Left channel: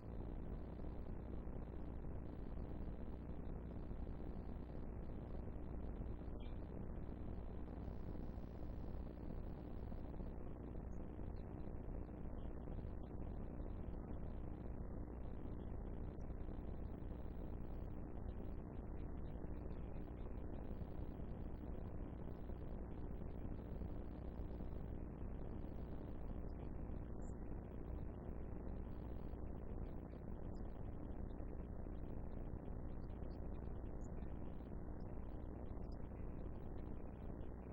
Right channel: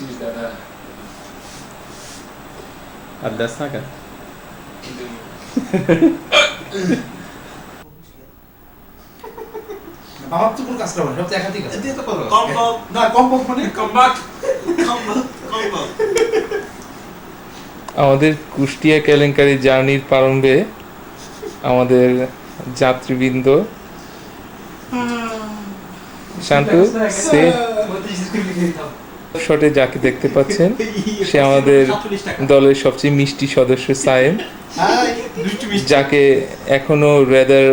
বুঝছিস দাদা। আর দাস না কেন? আমার তো কোনো কাজ করবো না, সব তো একাধিক আছে। এতে তো করো। না কম কম মানে আমাদের কুষ্টিয়া কেলেঙ্কারি জার্নির প্রারম্ভে আমাদের যাত্রীবৃন্দ শান্ত সে শটে যাকে দেখতে পাচ্ছেন সে আমাদের দলের সবচেয়ে মিষ্টি সদস্য সায়েম, যাকে এখনো রেদার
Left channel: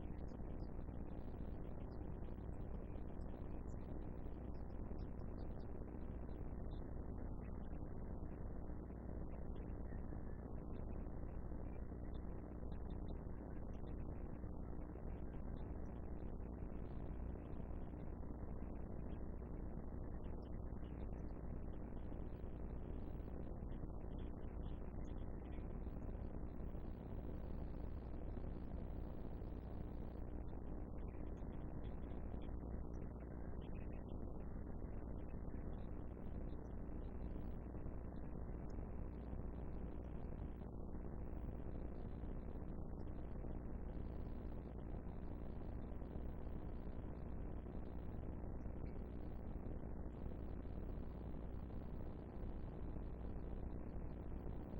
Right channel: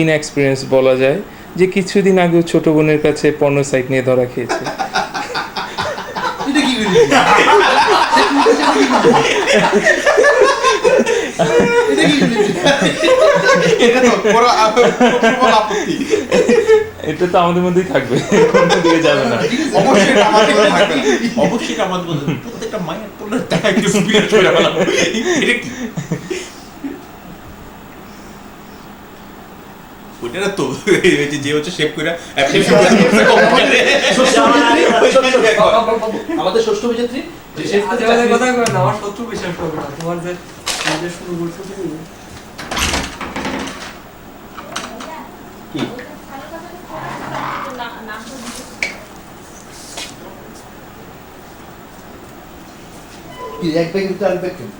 ইনএক্সপিরিয়েন্স বলা যায়, যে কিছুদিন আগেও ছোট বোনের কাছে পর্নো সাইট নিয়ে ধরা খেয়েছে। এটা কি এটা তো আমাদের মধ্যেই থাকবে, কোনো দিকে যাবে না। অবশ্যই এটা আমাদের মধ্যে থাকবে। অবশ্যই এটা আমাদের মধ্যে। প্রত্যেকটা মায়ের তোলে টাকা একটু স্পিরিট করে বলা। এটা কি? ওটা না তো যে হচ্ছে শেপ করে আমাদের ষষ্ঠ অভিযাত্রী কথা কয় না, আমার শত্রু বিশ্বাস করবে না। তোমার যে কাজে শুরু করছো তুমি কি? এক ব্যাগ কিন্তু আরেক ব্যাগ কেন?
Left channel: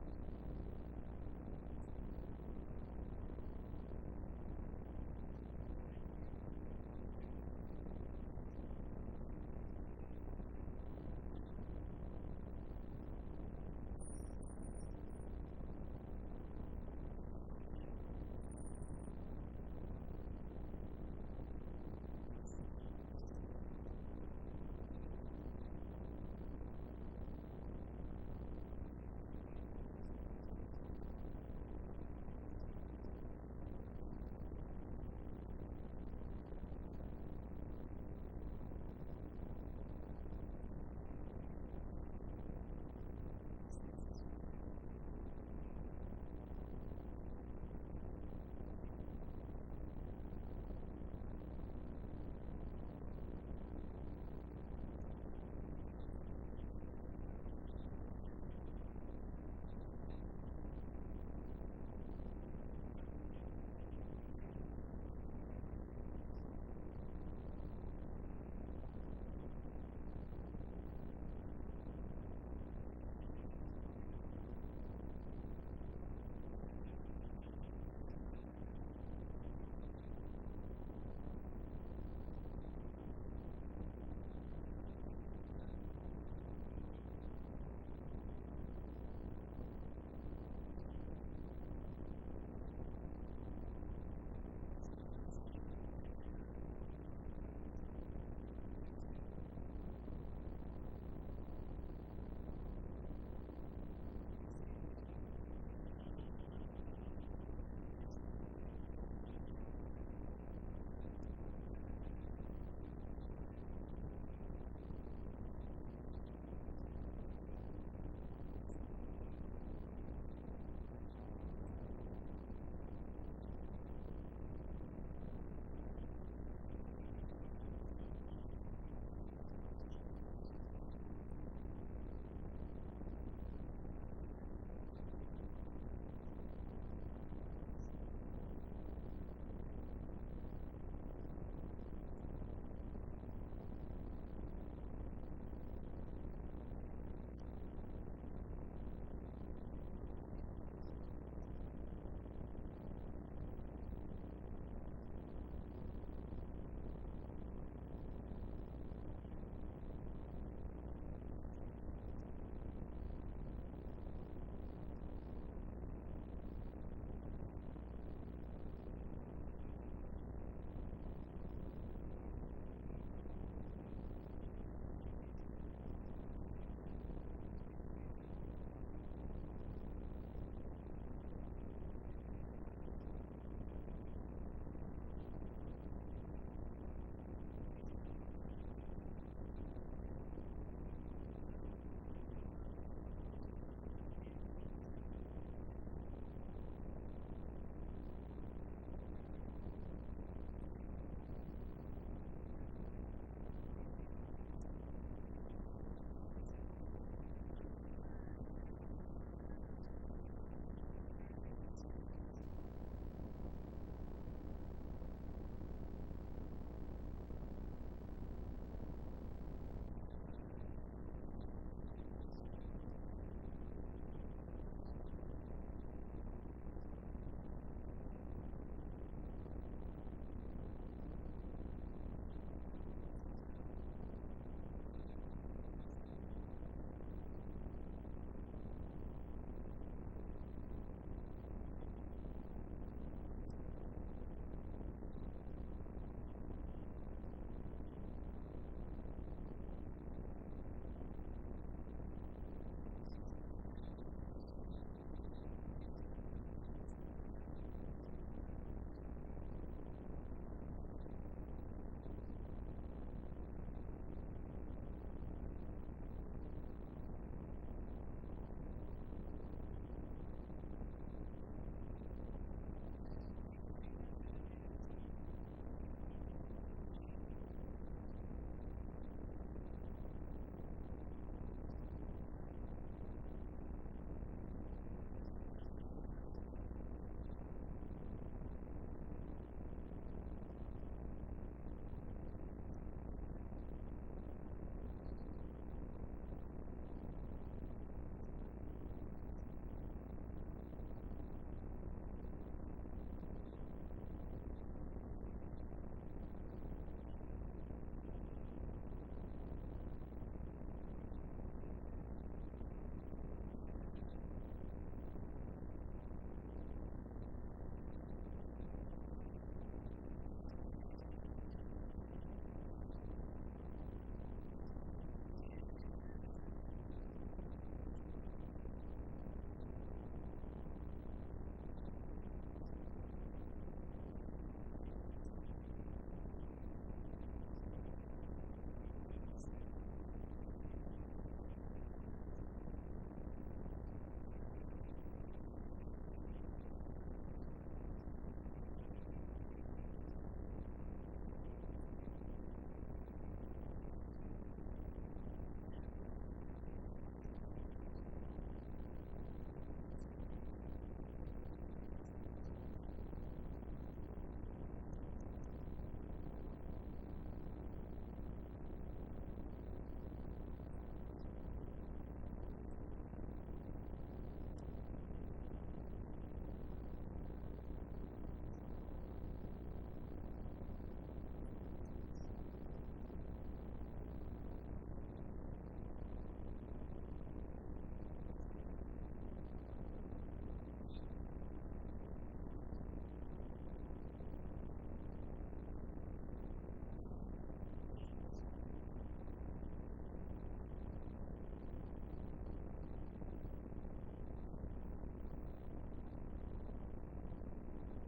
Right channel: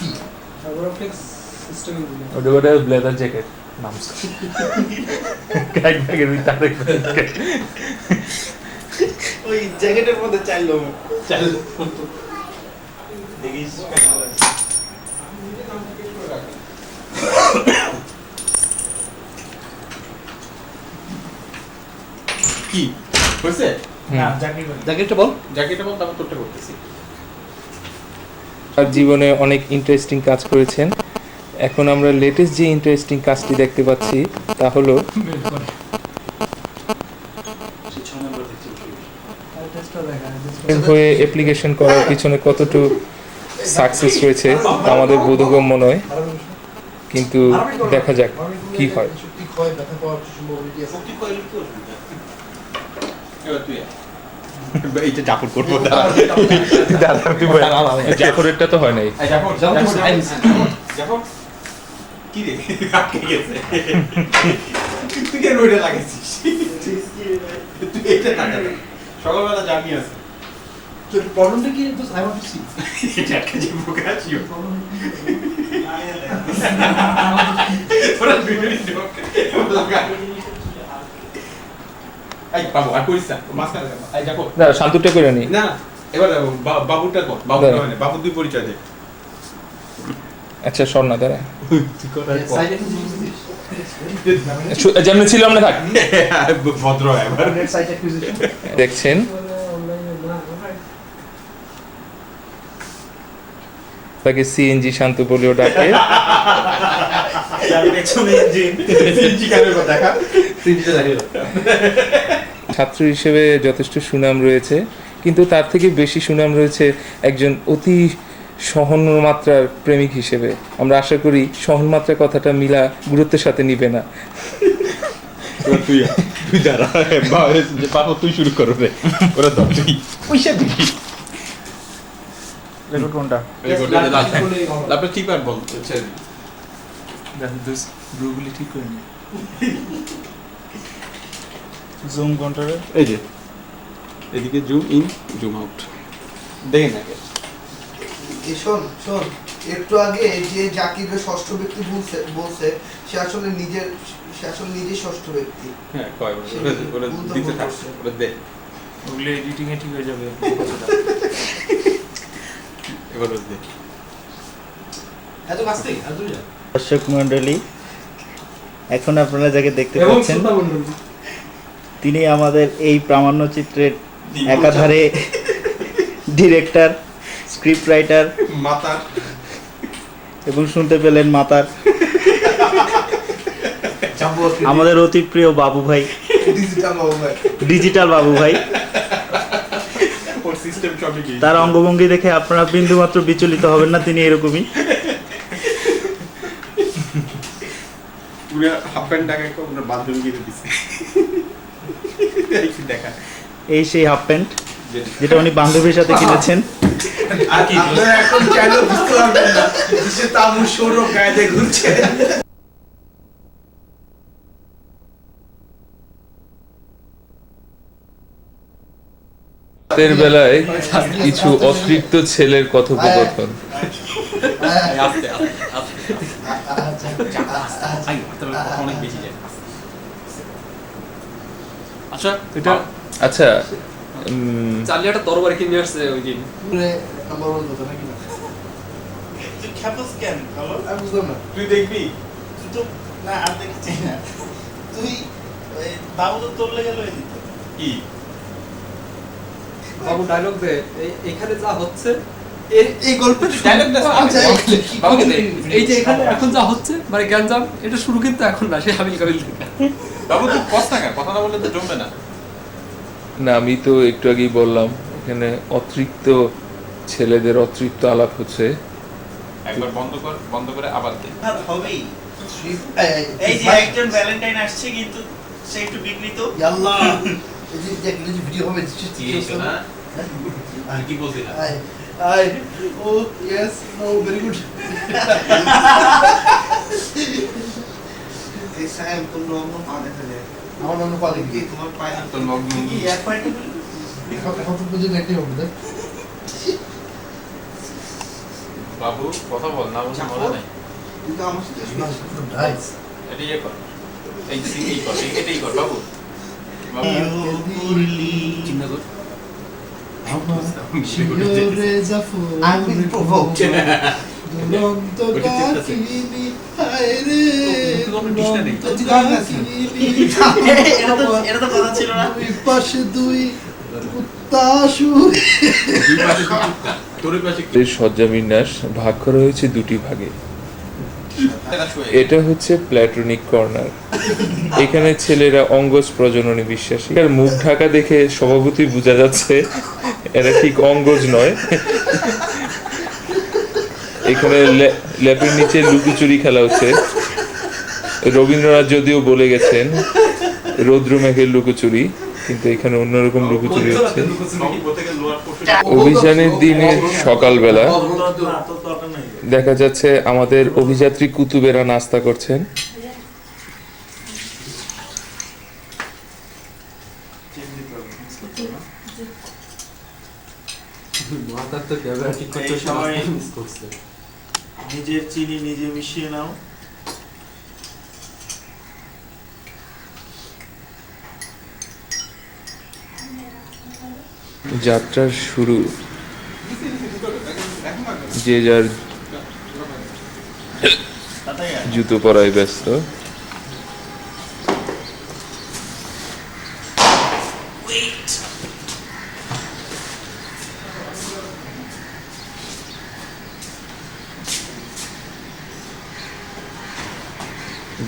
কি সাইবরফ্লেক্স সিস্টেমে দিলে ওটা ব্লেজার জ্যাকেট নাম এক ব্যাগের ভিতরে আরেক ব্যাগ। ওই জ্যাকেটের মধ্যে চাইলো দেখিস কি হয়েছে? না জ্যাকেটটা বল। জ্যাকেটটা বল, তারপর তোরটা করতেছি। আর জীবনে অনেক ইন্টারেস্টিং কাজ করেছেন। এখন আমরা লেটেস্ট যে ইন্টারেস্টিং কাজটি দেখতে পাচ্ছি তা হলো টেস্টটা দেখা হয়ে অ্যাপ্লিকেশন করার পিছনে কতটুকু সাকসেস হয়েছে তা আমাদের বোধগম্য নয়, কিন্তু দেখা যাক কি হয়। সত্যি ক্ষয় ব্যথা পাওয়ার সম্ভাবনা আছে। মুক্তি কইলে কি অসুবিধা? এবার তুই এইটা জাফর করবো না। জাফরেরটা তো হয় নাই। জাফর জাফর জাফর কি রে আটকে গেছে। তুই কেন ওইটা লাগাইছিস? তুই এটা লাগা না। সকালবেলা জানি আছে। তো প্রবলেমটা কি? তো আই ওয়ান্ট টু সি। এটা একটা যে বুকাছিও। তোরা ভিডিও লাগা। এই বাবু আর কইছ না, মাস্টার এই জাফর। না, শান্তুটা করে নি। না এবার বাবুটা কর, বাবু মানে বাবু দুই পরিচয় দে। আচ্ছা শোন না দাঁড়া, সাইডে যেমন ছিল আমরা থাক। ভদ্র এবার নেট সাইট অ্যাকুইজিশন দেখছেন অনলাইনে না তাকে সিএনজি শান্ত বলেও ডাকে। ছাত্র হিসেবে যথেষ্ট সুনাম রয়েছে, কিন্তু তার থেকে বেশি সুনাম রয়েছে একজন অতি সহনমাত্রার প্রেমিক হিসেবে। আমরা আশা করি সহনমাত্রা কথাটা মিলা গুরুত্বের সাথে নিবে না। তুই দাঁড়া বাবা, তুই শুরু করো রে। ওরা ধর তুই পয়সা দিবি। রেকর্ড কোনটা? তারপরে ঠিক আর বল ব্রুগুলি ঠিক করে নি। জুম কোনটারে? এই যে এদিকে জুম ইন জুম আউট দেখেন আগে। শোন শোন, একটু আগে যে জাকিরকে ষষ্ঠ ব্যক্তি বলছে সে আসলে নিজে ষষ্ঠ ব্যক্তি। হ্যাঁ কয় ওরা দিতে থাক, ওরা দে ওগুলো এডিটিং এ ঠিক হয়ে যাবে। এবার ওরা দে। এত কাছ থেকে এত যা দর্শক মন্ডলী, এখন আপনারা যাকে দেখতে পাচ্ছেন তিনি আমাদের এই প্রামাণ্য চিত্রের একাধারে ডিরেক্টর, স্ক্রিপ্ট রাইটার মাথা এবং শুনতে পেলেন মাতার আমাদের অতি প্রিয় বাবু ভাই, ডিজিটাল বাবু ভাই। ওর সিস্টেম সবই কি তার অঙ্গভঙ্গি দেখে আপনারা বিন্দুমাত্র বিচলিত হবেন না, তিনি এরকমই। পুরো হাফ প্যান্ট টাকা ওনার বান্ধবী কিনে দিছে। এই দেখা এই সেই হাফ প্যান্ট। যেটা উনি বান্ধবীর সাথে কিনেছেন। আর কি আপনারা এখন চাইলেও বুঝতে পারবেন না যে তামু সৌরভ গায়ে ঘুরছে। রাতের বেলায় কিছু অতৃপ্ত ছেলের কথোপকথন। আস্তে অনেক বেশি যায়। আচ্ছা এটা আচ্ছা চার্লি একটা তরবারি কিনে আসছে ওই দিন। নাম্বার ওয়ান কথা নাকি না? তুই খেপস কেন বলো? আমি বুঝলাম না। তুই দেখবি তুই তো না আর দেখছি না তুই ওই বাবু তো তোর লেগে লয়ে দিত কি বাবু ডায়লগ দে এখানে যা হচ্ছে এই গল্পের ডায়লগটা বাবুকে দে এই যে এখানে এখন যা হচ্ছে মানে গ্যাঞ্জাম এটা শুরু কিন্তু এখন না সে হাবিল কাবিল থেকে। বাবু তুই কথা না কথা না বললে তো জমবে না। না আমি তো একটু আগেই বললাম এখানে অতৃপ্ত ছেলেদের অতৃপ্ত আলাপ হচ্ছে। একবার বন্ধ করে আবার দে। আর হবেই এই যে একজন ভ্যালেন্টাইন আসছে কিন্তু সে একটু বিঘ্নিত আল্লাহ এই যে দেখ এই যে ভিডিও হবে কি হইছে না আর কি বলছিস না আই ও ইয়েস নো ভেরি গুড। এই সাহেব তোর লগ্ন পা দেখা যায়। আমার নাম পালে কি তোমার পায়ে তোর লগ্ন কি এক পয়েন্ট এখন তো বুঝে নেটে হবে না। বাবু কথা বল না বলছি মনে নাই। তুই তো আমার সাথে শুয়েছিস। নাইস। এটা ইয়ে কর এই কর এটাই কর বাবু চিন্তা কর শিওরে জাফর I'm being provoked. দুরন্ত কাকিনি হায় রে দুরন্ত কাকিনি এটা তো কথা ছিল না দুই পাশে দুই কুত্তা শুয়ে দুই পাশে তোর পাশে এর সজ্জাবিন্যাস ভাগ করা হয়েছে দুটি ভাগে। এটা হচ্ছে প্ল্যাটনিক কর্নার। এখানে ছেলেরা অঙ্গজ প্রজননে বিশ্বাসী। আর মুখ ঢাকা দেখে স্বভাবতই বোঝা যাচ্ছে এরা ঠিক অঙ্গজ নয়। এখানে ল্যাপের নিচে লুকোচুরি খেলা হচ্ছে। রবীন্দ্রনাথ যদিও বলে গেছেন রৌদ্র মেঘের লুকোচুরি, কিন্তু এখানে অন্যরকম লুকোচুরি হচ্ছে। অভিযানের দিনের সকালবেলা দেখা যাচ্ছে আমাদের অভিযাত্রী কুতুবেরা নাস্তা করছেন। মাথার তো ক্যামেরা ঠিক করতে এই সময় মিস করছে। নিজের চিনি নিজে মিশিয়ে নাও যাত্রার শুরু, যে যার জুতো পরায় ব্যস্ত।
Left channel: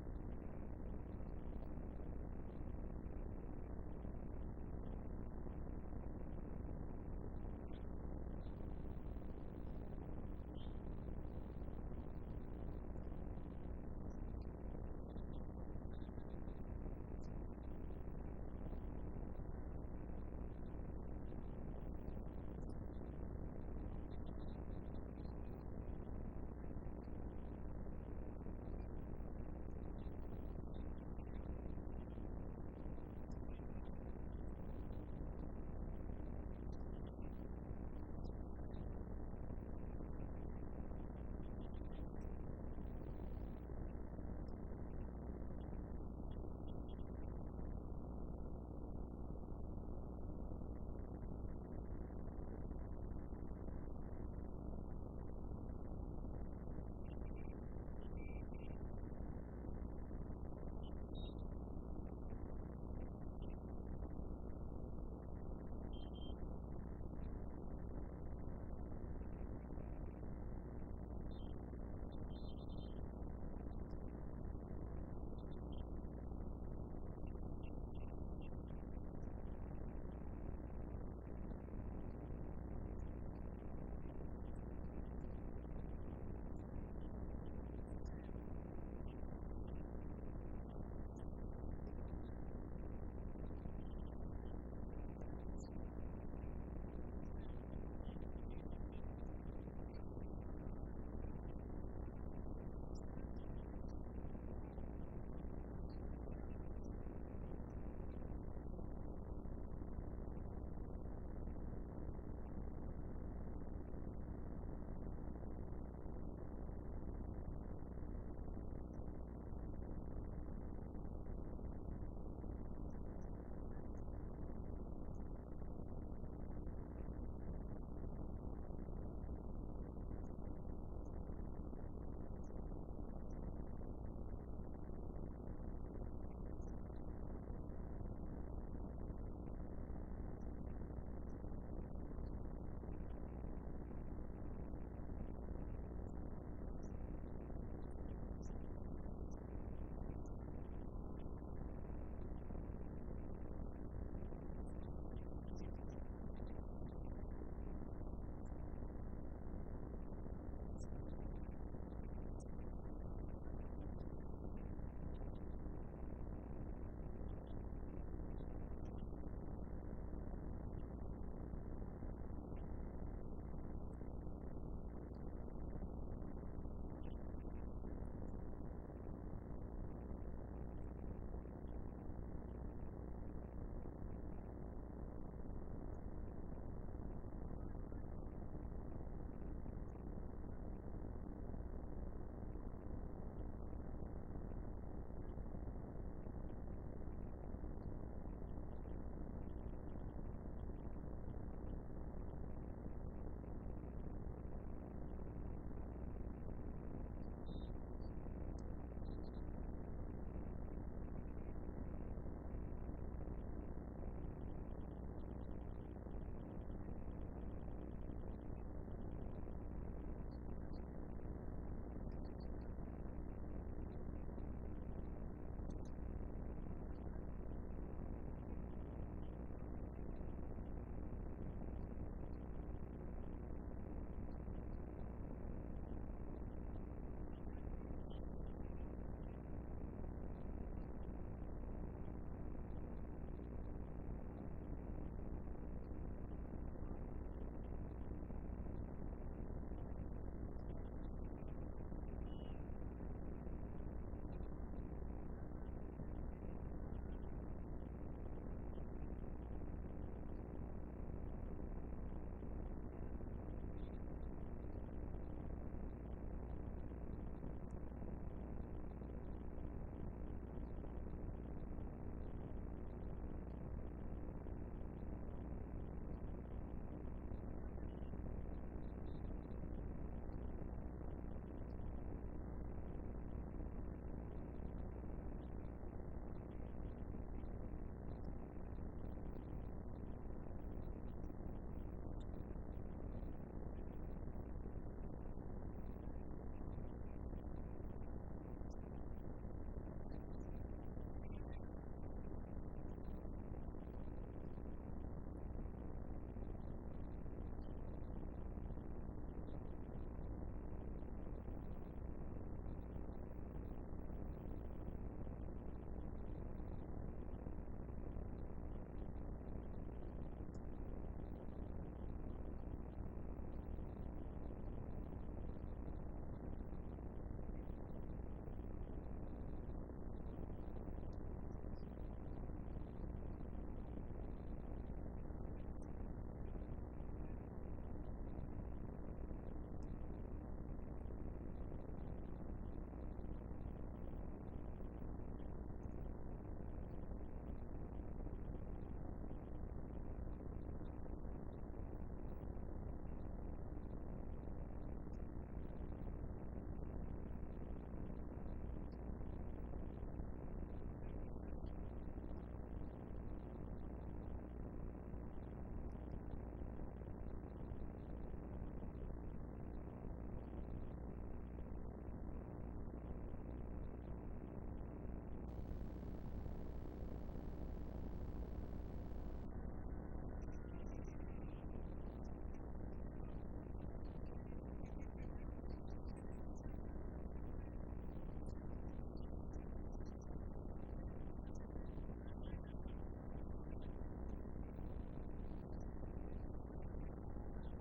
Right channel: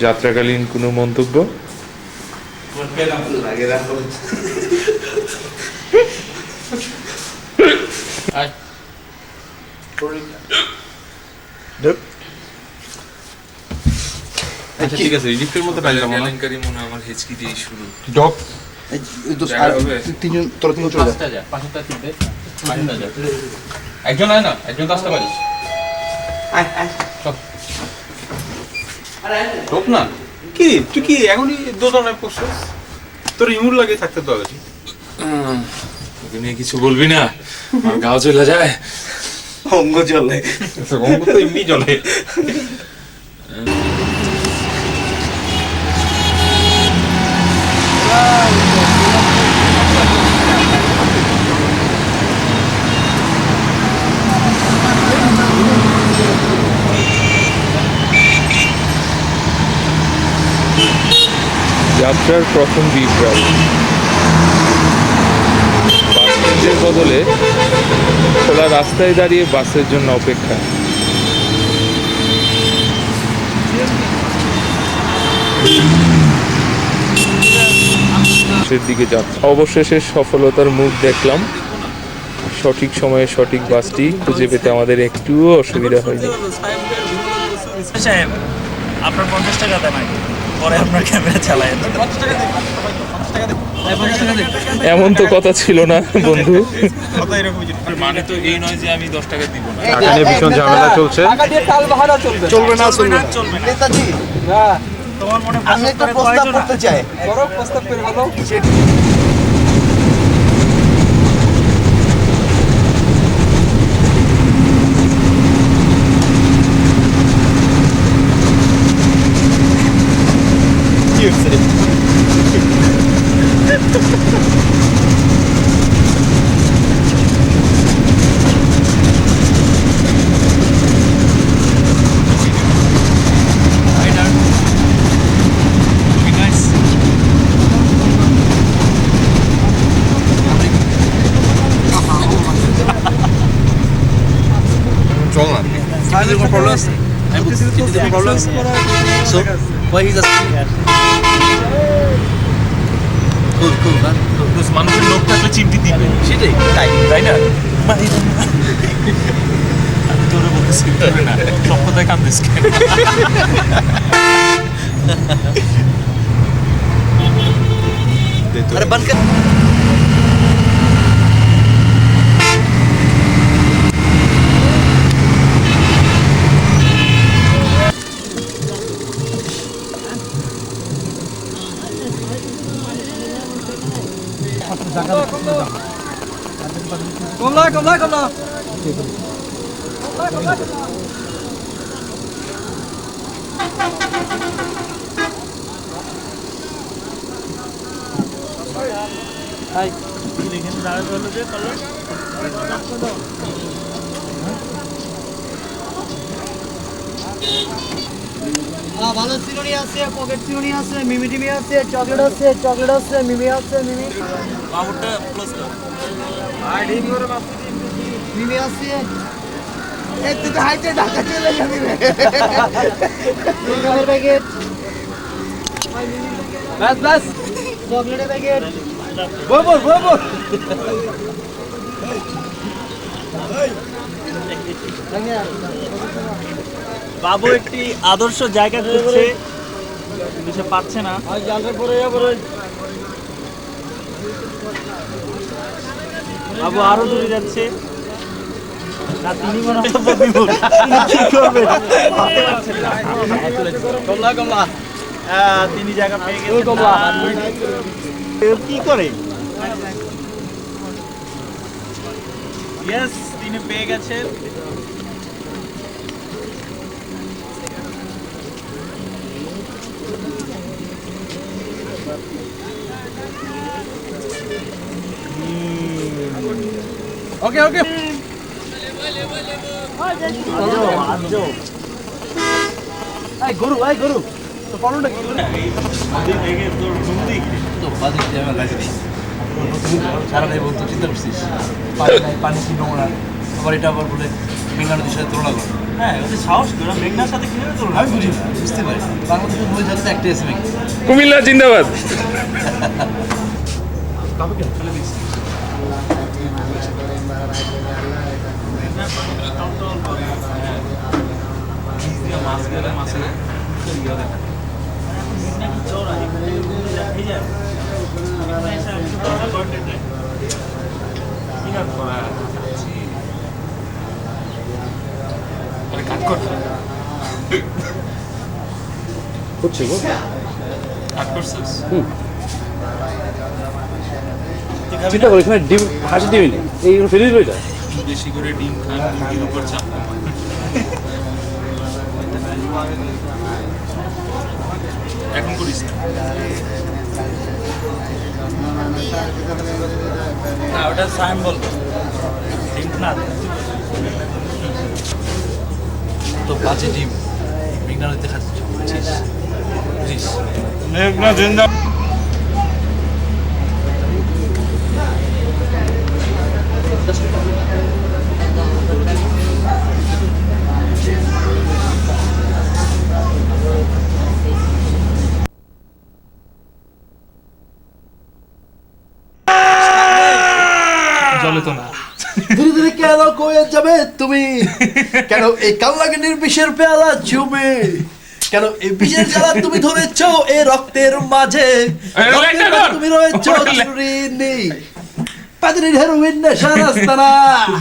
যাত্রাকালীন কোনো মন্তব্য? ঠিক আছে লিফটের মধ্যে পাইলাম না কেলেঙ্কারি মনে হয় আমার হেঁচকি দিয়ে শুরু। ডক তিনজন তোরা তিনজন চলে যা। পাঁচটা তিনটে পাঁচটা যা একজন আয় না একজন তো আসতে পারিস ডক না কি তুই কি এখনই দোকানে পড়ছিস তোর ইমুর লাগে থাকতে তো আগে তোকে নিয়ে কিছু বলবি না, আমার গাও চলে যায়। অঙ্গ চলে। অঙ্গ তো এমনি চলে যাত্রার প্রথম বিপ্লব, বাস স্ট্যান্ডের বদলে খোলা রাস্তায় দাঁড়িয়ে বাসের জন্য অপেক্ষা। দিকে যাচ্ছে। অবশেষে সফলতার মুখ দেখলাম। সঠিক সময়ে সঠিক বাসটি খুঁজে পেতে আমাদের একটুও অসুবিধা হয়নি। সাহেব আপনার 50 টাকা দেন আগে পরে আপনার ক্যামেরা চালায় 50 টাকা দে এমন তো কথা ছিল না বন্ধু। কথা এরকমই ছিল। মানে তো এই নয় যে আমি 10 টাকা দিব না। টাকা নিয়ে ভীষণ ঝামেলা চলছে। চলবে না চলবে না চলবে না। নেতাজি তোমার মনে আমি একটা প্রস্তাব করতে চাই। প্রস্তাব করে ভালো। কি হচ্ছে রে? চল না মানুষের লোক থাকলে চিমটি দিবে, সেটাই তাই না? আমি তোরে বলতেছি তোরে না, সব কথায় কান্দিস কেন? अरे बंद कर কমলা এখানে দাঁড়াতে হলো যে কলর ভালো চিরুনি আছে, পকেট চিরুনি আছে, মিমি টিমি আছে, চকলেট আছে, মিমি আছে, বাবুরটা ক্লোজ কর। মিমি আছে। এই তুই তো হাইটে ঢাকা চলে যাবি রে। চকলেটের প্যাকেট, বাস চকলেটের প্যাকেট। বাবু একটি আদর্শ জায়গা খুঁজছে কিন্তু সে পাচ্ছে না। বাবু আরো দূরে যাচ্ছে না, তিনি মনে হয় বিমূঢ়। তিনি কি করবেন ভাবতে পারছেন না। তিনি জায়গা পেয়ে গেছেন। কি করে? ইয়েস, তিনি পেয়ে গেছেন। ওকে গরু তো পালনটা কি করে? সারাটাই বলতো চিন্তা করছিস পানি কি নোংরা আবার এটা আবার বলে বেঙ্গল নদীর সাথে তুলনা করে। হ্যাঁ, ওদের সাহস কি? ওরা মেঘনার সাথে কিভাবে তুলনা? আমি বুঝি না, বুঝতে পারি বাংলাদেশের বই যাতে একটাই আছে নাকি কুমিল্লা জিন্দাবাদ। মেঘনা কি চওড়া? এখানে এই যে এখানে এসে আমি তো কথা বলতে চাই। কি ব্যাপার? কাট কর, হচ্ছে গো। কাট করছিস? চিন্তা করি এখানে ডিম হাসি ডিম নেই, এই ফেলে দিল এটা। বেশি করে ডিম খান, মুরগির উপর চাপ কমান। এখন করিস না। না, ওটা সাইন বলবো। ঠিক না? তো বাজে ডিম বেঙ্গল নদীতে খাচ্ছিস বুঝছিস মেঘনা জিন্দা জলে তো না। ধীরে ধীরে কেন কয়ে যাবে তুমি কেন এই কাল্লাগিনীর বিষের পেয়ালা চুমে কেন এই বিষের জ্বালা তুমি ধরেছো এ রক্তের মাঝে, রক্তের মাঝে তুমি রয়েছো চুরিনি, পাদরির হেরোইন নেশা রাস্তানা,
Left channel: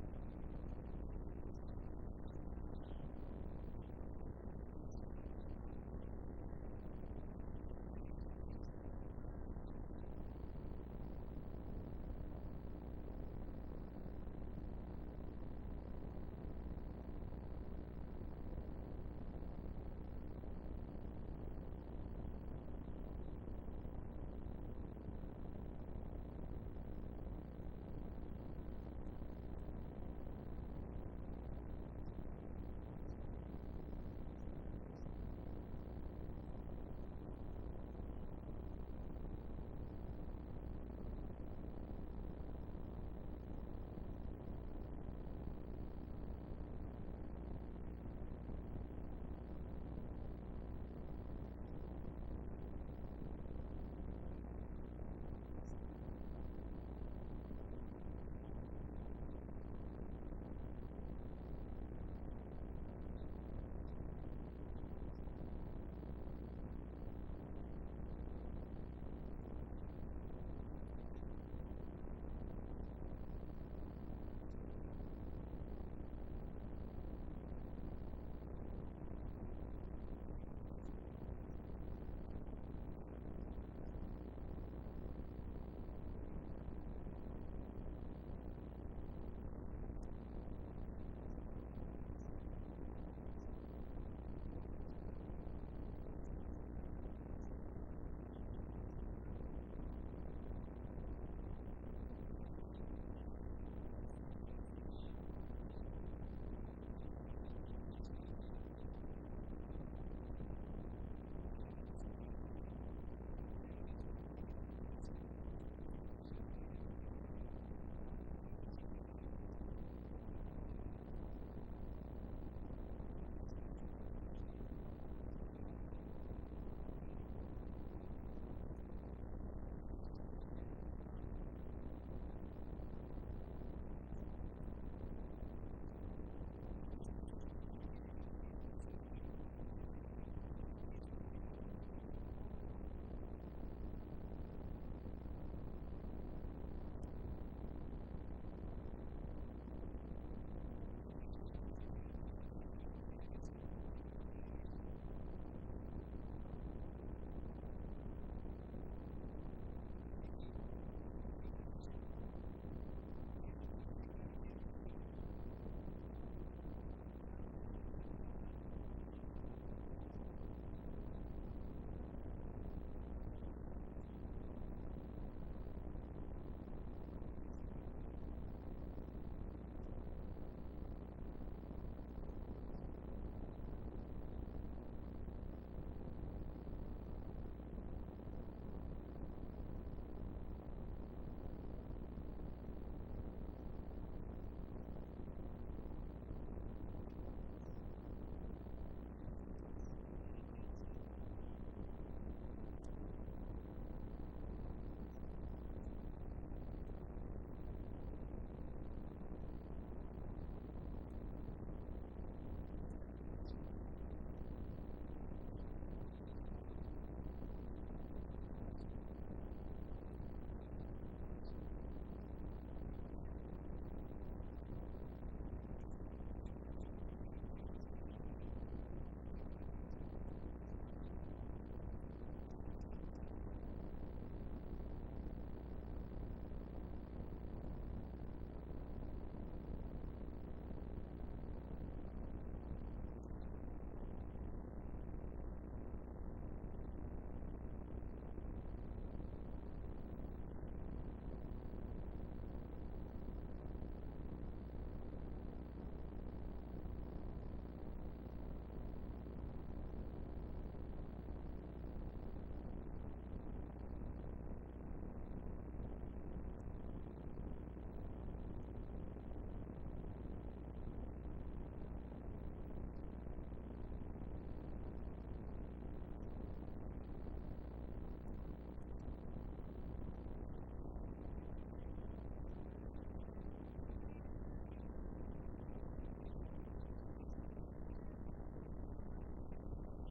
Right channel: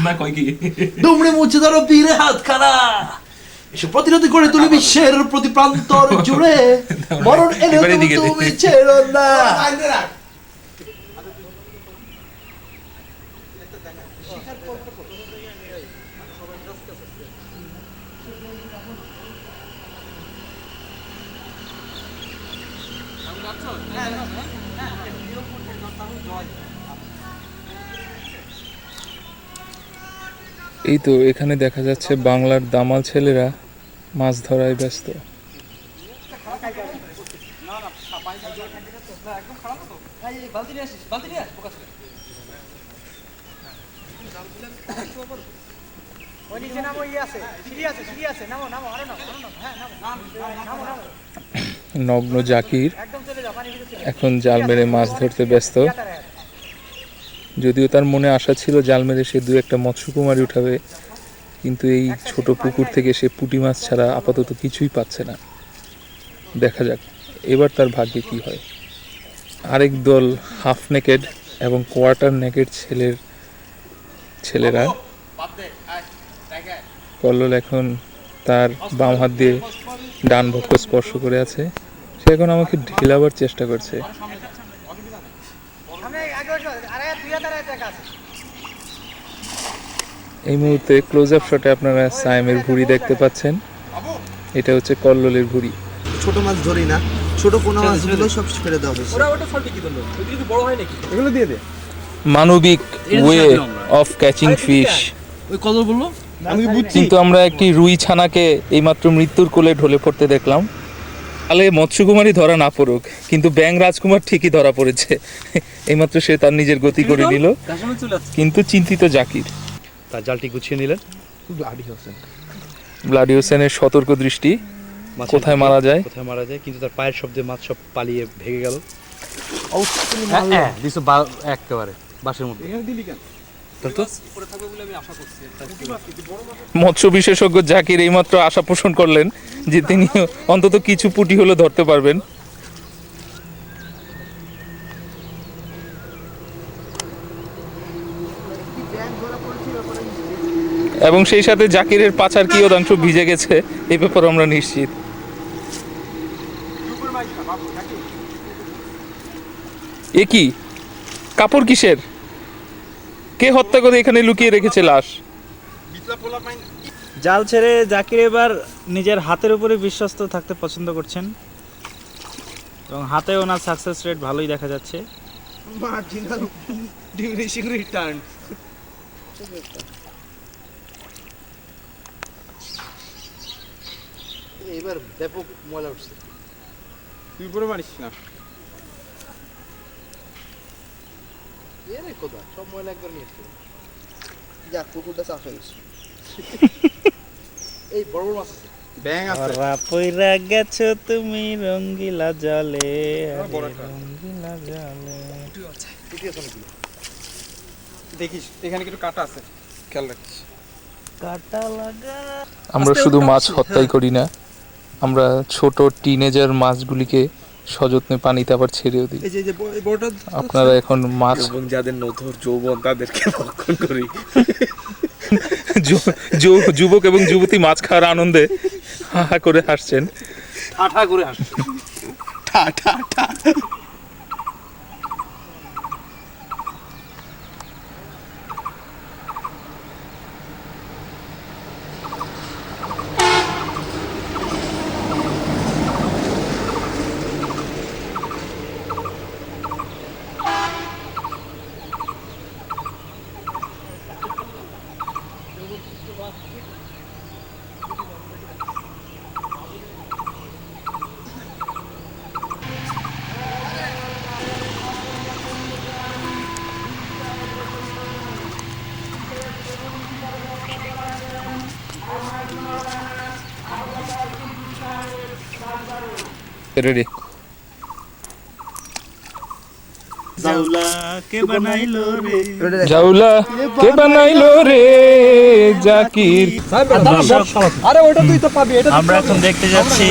না কয় কি দুমড়ে মুছে ধরো বীরে হাতখানা, এসে প্রতিরোধ করে তুলি বিশ্বের প্রতি প্রান্তর জুড়ে, মরণ এলে তুমি ছেড়ো না। এই তো এখানে দেখা যাচ্ছে বাংলার দামাল ছেলেরা মাছ ধরায় ব্যস্ত। নগ্ন জাকির এখন জাল মেরে মাছ ধরতে ব্যস্ত। যদিও তার মনে আশা ছিল জাল মেরে সে দু একটা মৎস্যকুমারী উঠাবে, কিন্তু এই ছোট পুকুর থেকে সে পুঁটি মাছ ছাড়া আপাতত কিছুই পাচ্ছে না। দেখা যাক এবার তার ভাগ্যে কি হয়। আরেক দল হাফ নেকেড এবং কোয়ার্টার নেকেড ছেলেরা, কল্লোল এখন তার বাম হাত দিয়ে ডান বক্ষ স্পর্শ করে আছে। সে এখন আমাকে ঢিলাবার চেষ্টা করছে। এই মুহূর্তে ক্লোজ আপ শটে আপনারা সায়েমের ভুঁড়ি দেখতে পাচ্ছেন। এটা হচ্ছে কল্লোলের ভুঁড়ি। ছোট মাছ ধরি না, ছোট পোনা মাছগুলো সব ছেড়ে দেওয়া হয়েছে। এগুলো দিয়ে দে। মানবিক ওয়ে অফ ক্যাচিং ফিশ। ওই কত বললো? আমি বুঝছি। কিন্তু আমরা একটি রুই ছানাকে এইমাত্র মৃত্যুর কোলে ঢলে পড়তে দেখলাম। তাহলে মৎস্যকুমারী ধরা না পড়ুক, কিন্তু ব্যাং রাজকুমার ঠিকই ধরা পড়েছে। এইমাত্র সে তার নিজের গতি করে নিল, কিন্তু চিন্তিত জাকির। তার জালটি গুছিয়ে নিলেন। ব্লাডি হোসেনের সতর্ক দৃষ্টি, কোথায় মারা যায় কোথায় মারা যায়, কিন্তু তার পায়ের শব্দে মাছ সব পালিয়ে ভেঙে গেল। একেবারে বাসের মধ্যে মৎস্য বিশেষজ্ঞ জাকির এইমাত্র আশা পোষণ করলেন যে তিনি অন্তত কিছু পুঁটি হলে ধরতে পারবেন। এবং সেই সাথে জাকিরের পাছার কিয়দাংশ ভিজে গেছে, এই ব্যাপারে আমরা নিশ্চিত। এ কি কাপড় কিসের? কে হত্যা করে এখানে লুকিয়ে রেখেছে লাশ? জাল ছেড়ে জাকির এবার নিজের হাতের উপরে বিশ্বস্ত থাকতে পছন্দ করছেন এবং হাতে ওনার সাকসেস রেট ভালোই দেখা যাচ্ছে। Marginal diminishing return. এবার ব্যাপক মজা উঠছে। তুই পুরো মারিস না। এরে কোথা সব ময়লা একবার নিয়ে এসছে। যা পুকুরটা সাফ হয়ে গেছে। এই বড় বড় মাছ আছে। ব্যাং আছে। ওরা পইরা গেছো তুমি রঙ্গিলা জলে, রঙ্গিলা জলে। দেখিস এখানে কিছু কাটা আছে, খেয়াল রাখিস। কাটা লাগা। আমরা শুধু মাছ হত্যাই করি না, আমরা ছোট টিনেজার মাছগুলিকে সযত্নে পানিতে আবার ছেড়েও দিই। এই যে বড়টা আপনারা এখন মাছ এবং যাদের নথর যৌবন তাদেরকে ভক্ষণ করি। যুবক এবং যুবতী মাছ খাওয়ার আনন্দে হা হা করে হাসছেন। ঠাঠা করে হাসছে। ঠা ঠা ঠা। রেডি। জাউলা কে বানাইলো রে, জাউলা কে বানাইলো রে, জাকির। আরে ওটা তুই তো পাবি, এটা আমরা এখন দেখতে যাচ্ছি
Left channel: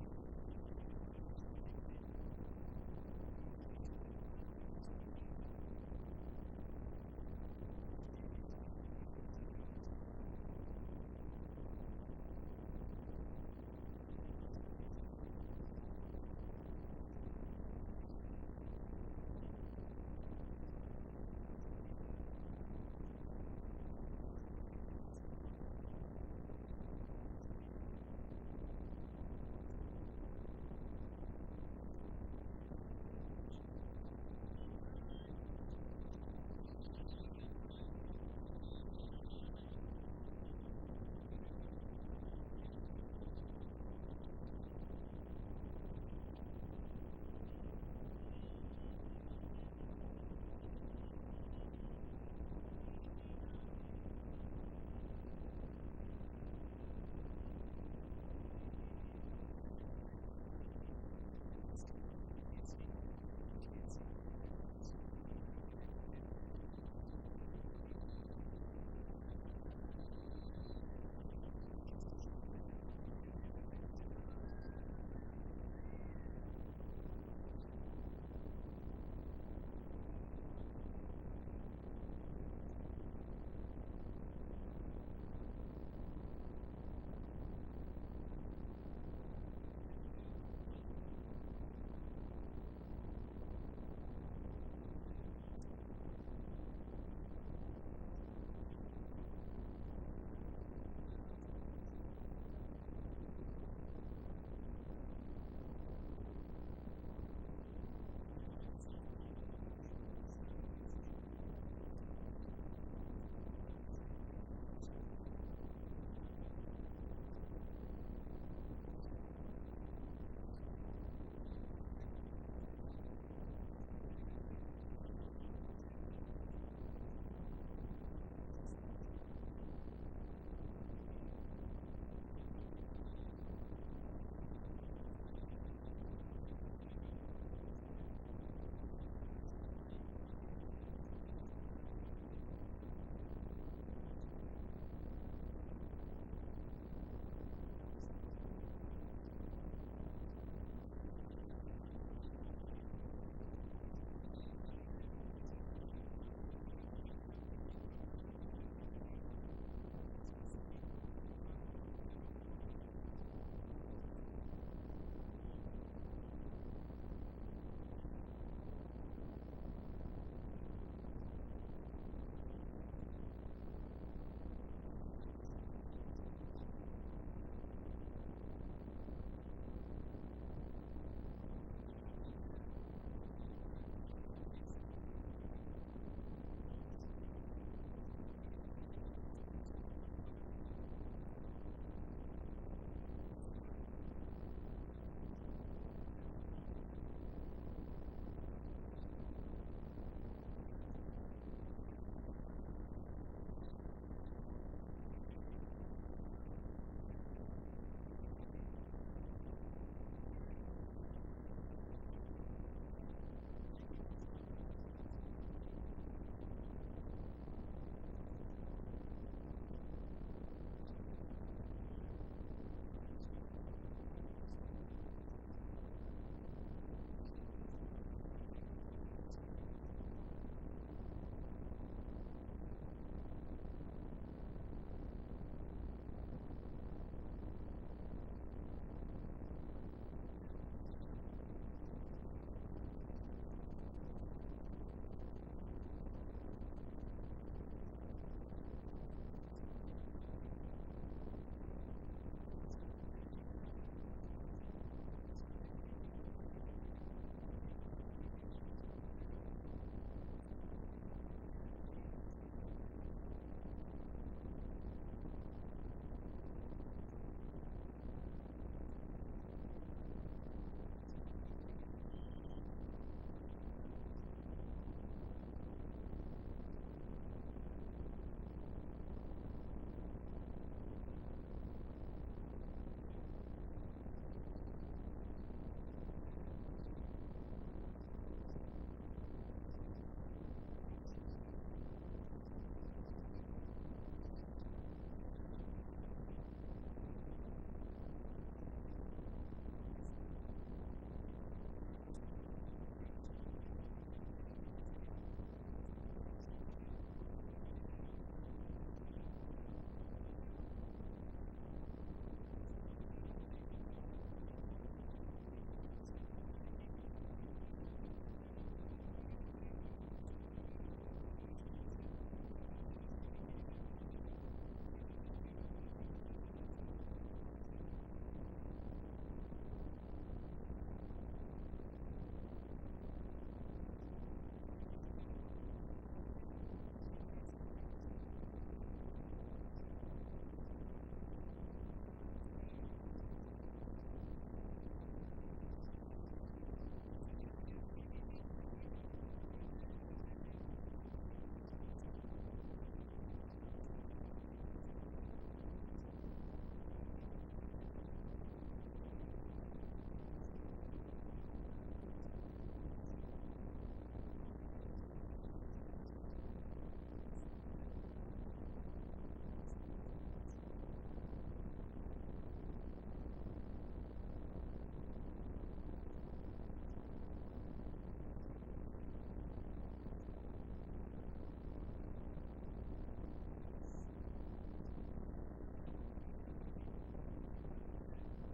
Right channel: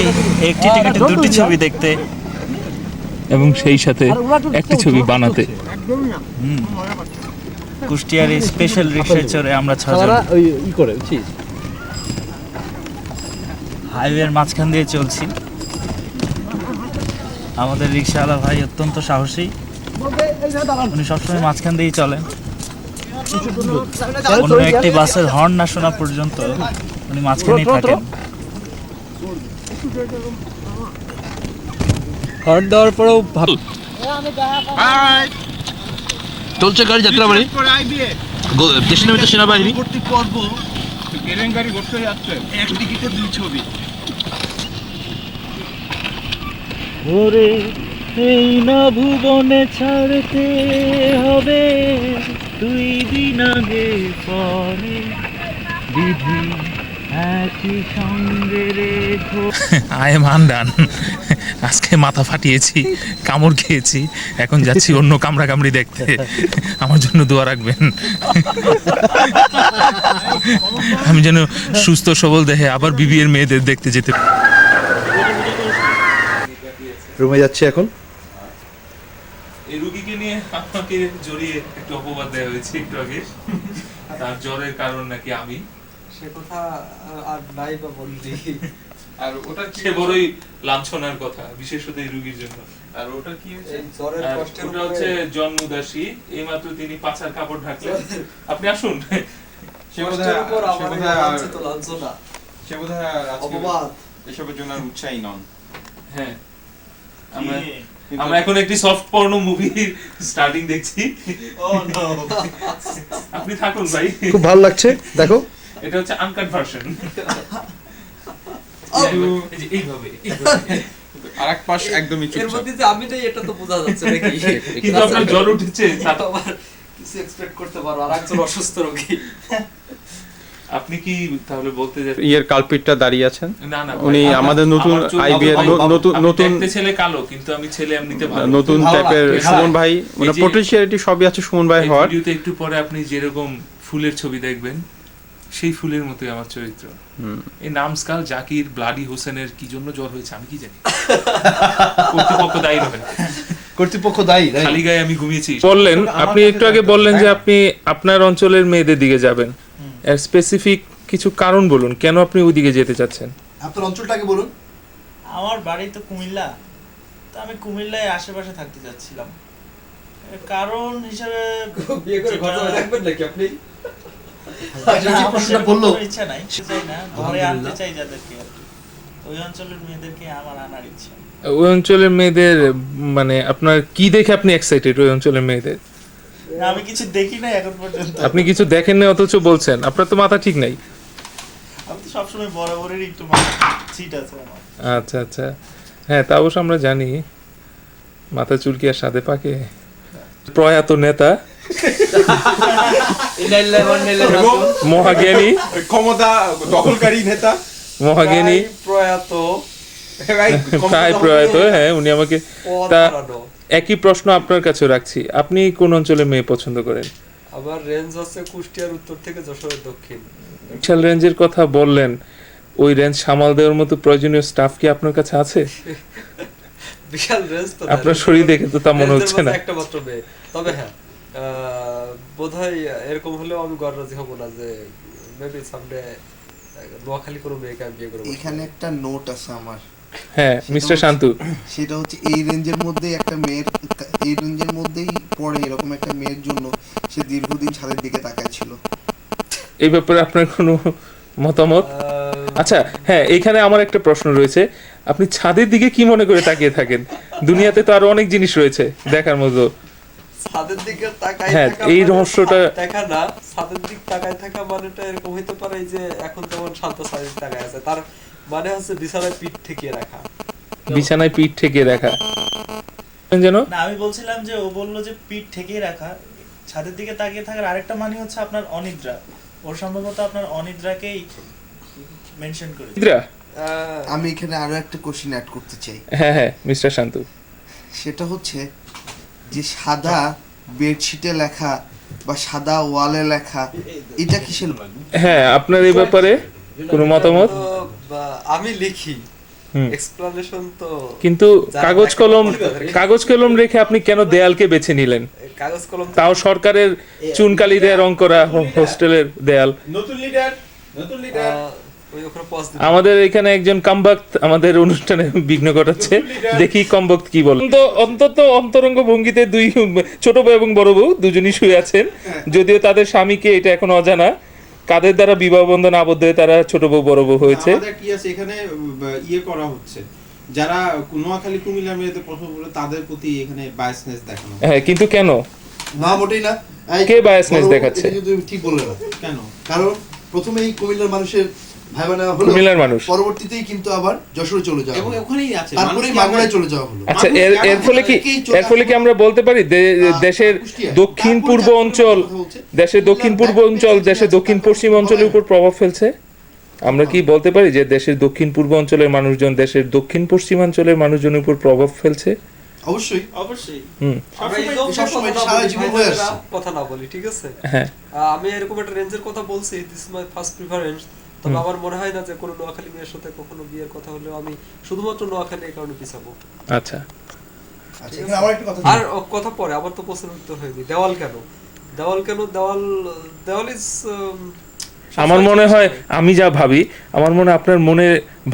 একটি টিকিটে দুটি ছবি দেখতে। এবং সেই সাথে একটি ছবি বানাতে। কুষ্টিয়ার এই স্পেশাল রিক্সায় চড়ে আমরা 6 জন ওই ই করে বুঝছিস। হাইওয়ের মাঝখান দিয়ে চলছি। আমাদের রিক্সাওয়ালা ভাই অত্যন্ত সাহসী, উনি সবসময় মাঝখান দিয়েই চলেন। অন্য একটি বাসের হর্ন না শোনা পর্যন্ত উনি মাঝখানেই থাকেন। হর্ন দেওয়ার পরেও ভাব চলছে গাড়ি যাত্রাবাড়ি দেশের নামে সেনাবাহিনী ওরে এই না ভুবনে ছাড়তে হবে 2 দিন আগে পরে বিধি একই সঙ্গে রেখো। I am undone. আজকে মাথা ফাটিয়েছি, কামড় খেয়েছি, এখন যাচ্ছি অন্য কামড়া কামড়ি দেখতে। আমার জন্য দোয়া রাখবেন, আমি যেন সুস্থ সবল দেহে আবার বিবিএর মেয়েদের দেখতে যেতে। রুমে যাচ্ছে এখন। এই রুগীকে নিয়ে আপনাকে জড়িয়ে একটু অপবাদ দেওয়া হয়েছে একটু আগে, তার জ্বরের কারণ নাকি আমি। সে কথা আর নাই বা বললি। আর ওটা কি সে বড়ই লাঞ্ছনার কথা, বিশেষত এই রুগীর জন্য। আর ওটা কি হয়েছে? এই জ্বরের আর কষ্টের ওটা হচ্ছে জন্মদাসী, এইমাত্র তিনি পাছার কাপড় ঢাকলেন। আপনি আসুন। সে কষ্টের উপর বোধহয় আমার লাঞ্ছিত লাঞ্ছনা, সে বোধহয় আজকে অপবাদ। এসবের জন্য আর উৎসাহী নন। হ্যাঁ, আমরা এখন একটি সফট পর্নো মুভি স্টার্টিং দেখছি। আপনি থাকুন ভাই, খুব ভালো লাগছে, দেখো। এটা হচ্ছে আনকাট ভার্সন। এইভাবে আরেক পাশ একদমই এর চুপচাপ। মধ্যে যে আমি নেই এটা তো বোঝা যাচ্ছে নাকি? কিন্তু আপনার জ্বর উঠেছে, তা তো আবার কিছু এক্সপেক্ট করতে পারো, আর একজন অসুস্থ রোগী। আপনি কি তাহলে বলতে যাচ্ছেন? ইয়ের কালপিটটা দাঁড়িয়ে আছেন না না, উনি আমাদের নতুন আইবিএ নতুন নতুন দেখতে ছেলে কালো, কিন্তু আমি ছেলে এমনিতে ভালো। নতুন টাইপের সুমন ভাই, মানে এই যে- পটেনশিয়ালিটি সবই আছে সুমন ভাই এই হওয়ার। ভিডিওতে একটু পরে আপনি যেরকম ফুলের ছবি দেখবেন, সেই ফুলের মতোই আমার চরিত্র। এই নামস্কাল জাকির ব্লাডি হোসেনের কি জন্য জ্বর হয়েছে আমি কি জানি। কর্তৃপক্ষ দায়ী নয়, কর্তৃপক্ষ দায়ী। খালি গায়ে আমি ঘুমিয়েছি। বললেন আপনি একটু আগে বললেন যে আপনি আপনার অঞ্চলের মেয়েদের দিকে যাবেন, এর স্পেসিফিক কিছু কারণ বলুন, কেন আপনি ওইদিকে যেতে চাচ্ছেন? আপনার অঞ্চলটাকে বলুন। আমার বাড়ি তো কুমিল্লা, তো আমি কুমিল্লায় আশেপাশে থাকতে যাচ্ছিলাম। এর কারণ হিসাবে বিয়ে করে ঘর জামাই রাখবেন নাকি আপনি? প্রশ্নটা বললো। কোনো ইচ্ছা নাই, চাই না ঘরে আনতে চাই যাদেরকে আর কি। ওই অঞ্চলের মেয়েদেরকে আমার আনার ইচ্ছা। ওই অঞ্চলের মেয়েদের মানে আপনার কি দেখে আপনি এক্সাইটেড? ওই অঞ্চলের মেয়েদের না, আমি কিছু দেখি না এখন পর্যন্ত। আপনি কিছু দেখেন না অথচ বলছেন, আপনার তো মাথা ঠিক নাই। আমি তো সবসময় বরাবরেরই একটু মাথা চিট আছে আমার। আচ্ছা আচ্ছা, হ্যাঁ তা অবশ্য আমরা জানি, মাথা চুলকি আর সাথে পাকে। প্রয়াত নেতা, মহাজ্ঞানী, ক্ষমতা দখলকারী নেতা, মহাজ্ঞানী, প্রয়াত, প্রায় প্রয়াত। হ্যাঁ, উনি আমাকে তা হারানো। একই প্রশ্ন আপনার কাছে রাখছি, আপনি কোন অঞ্চলে মেয়ে পছন্দ করেন? আমার রেঞ্জ আছে কুষ্টিয়ার উত্তর থেকে যশোরের দক্ষিণ। বিশাল রেঞ্জের কথা বললেন, ওই রেঞ্জ সামাল দেওয়ার মতো প্রয়োজনীয় স্টাফ কি আপনার কাছে আছে? বিশাল রেঞ্জ তো আপনার শরীর দেখে তো তা মনে হচ্ছে না। একটা মাত্র মেয়ে, তবে হ্যাঁ বোধহয় এরকম হলেও আমি গর্রাজি হব না যে মেবি সামডে নোয়াখালী কোনো মেয়েকে আমি বিয়ে করবো। এখানে একটা নোট আছে আমার। হ্যাঁ মিস্টার শান্তু, সেটা হচ্ছে এই রেঞ্জের মধ্যে একটা মেয়ের, এই রেঞ্জের মধ্যেই পড়ে এরকম একটা মেয়ের জন্য সে দীর্ঘদিন ছাদের দিকে তাকায় ছিল। এই ব্যাপারে আপনার কোনো মতামত? আচ্ছা হ্যাঁ, এখানে আমার একটা প্রশ্ন রয়েছে, আপনি ছাদের দিকে কি মনে করে তাকিয়ে থাকেন? দুনিয়াতে তো আরো অনেক জিনিস রয়েছে দেখার মতো। ছাদের দিকে তাকায় হ্যাঁ, থাকা এই মানে রহস্যটা- ছাদ দেখা না, ছাদের দিক তাকায় থাকা মানেটা এরকম হইতে পারে যে এখন যেমন শান্ত ছাদের তাকায় আছে, তার মানে হচ্ছে বিছানায় পিঠ ঠেকিয়ে রাখা। বিছানায় পিঠ ঠেকিয়ে রাখা যেন। না, আমি বলছিলাম যে ও বললো যে পিঠ ঠেকিয়ে রাখা, ছাদের দিকে তাকিয়ে থাকার আরেকটা মানে হচ্ছে আপনার অনিদ্রা। ওর সম্ভবত আপনার অনিদ্রাকেই মেনশন করে। আমি এখানে আরো একটা কোশ্চেন অ্যাড করতে চাই। হ্যাঁ হ্যাঁ মিস্টার শান্তু, সেটা হচ্ছে যে সাদা বেডশিটে লেখা বা সাদা ওয়ালে লেখা, এটা কিসের? হ্যাঁ, আপনার এই ব্যাপারে কোনো মতামত? তো, আমি লিখি, হুম। এক্সপ্লানেশন তো কিন্তু যারা কাগজ কলম রেখে আপনি কেন দেয়ালকে বেছে নিলেন? কাগজ কলম তো- তাও সরকারের চুনকালি দিয়ে রং করা হোস্টেলের দেয়াল। নতুন লিডার ওই ওখানে পজ দিতে আমাদের এখানে একজন কামবাক্ত আমাদের অনুষ্ঠানে বিঘ্ন ঘটাচ্ছে, দেখি কমবক্ত কি বলে। অন্তত অন্তরঙ্গ ভঙ্গিতে দুই ছোট বউ এবং বড় বউ দুজনই শুয়ে আছেন, যদিও তাদের স্বামীকে এটা এখন অজানা কাদের দ্বারা বিবাহ বন্ধন আবদ্ধ হয়ে তারা ছোট বউ বড় বউ হয়েছে। আমাদের কি আছে এখানে ইয়ে করা হচ্ছে, যারা নোয়াখালী কুমিল্লার মেয়েদের পছন্দ করে তাদের প্রতি এখানে বায়াসনেস দেখানো। হ্যাঁ, কিন্তু কেন? না মোটেই না। কে biasness দেখাচ্ছে? এটা কিন্তু ঠিক বললে না। কেন? কারণ প্রথমেই কুমিল্লার মানুষের ভাইবা নেওয়া হলো, কুমিল্লার মানুষ পরবর্তীতেই কিন্তু আবার যশোরে চলে যাওয়া এবং হলো, ওখানেই আছে তারপরেই মাগুরায় চলে যাওয়া হলো। আচ্ছা, এর ফলে কি আমরা বলতে পারি দেশের দক্ষিণ পূর্ব অঞ্চল, দেশের দক্ষিণ পূর্ব অঞ্চল দেশের দক্ষিণ পশ্চিম অঞ্চলের উপর প্রভাব ফেলছে? আমরা কি বলতে পারি যে দেশের দক্ষিণ পূর্ব অঞ্চলের মানুষজন দেশের দক্ষিণ পশ্চিমাঞ্চলের মানুষজনের উপর প্রভাব ফেলছে? অবশ্যই। অবশ্যই হুম, আমরা এই জন্য সবসময় কথা সারা বলি, জীবন ভাই, হয়ে যারা আসছে। কথা না বলি, ঠিক আছে? হ্যাঁ। আমি এরকম একটা রেঞ্জের কথা বলছি, দিস মাই ফার্স্ট প্রিফারেন্স। তবে আমার মনে হয় না যে কোনো নোয়াখালী মেয়ের সাথে কখনো বিয়ের কথা হলেও আমি শুধুমাত্র নোয়াখালী এই কারণে পিছাবো। আচ্ছা, আচ্ছা, এখানে আমার একটা কথা আর কথা পরে, আবার তো প্রশ্ন উত্তর হয়নি। দেওয়াল কেন? দেওয়াল ইজ আমার মনে হয় আমি যা ভাবি, আমার মনে হয় আপনার মনে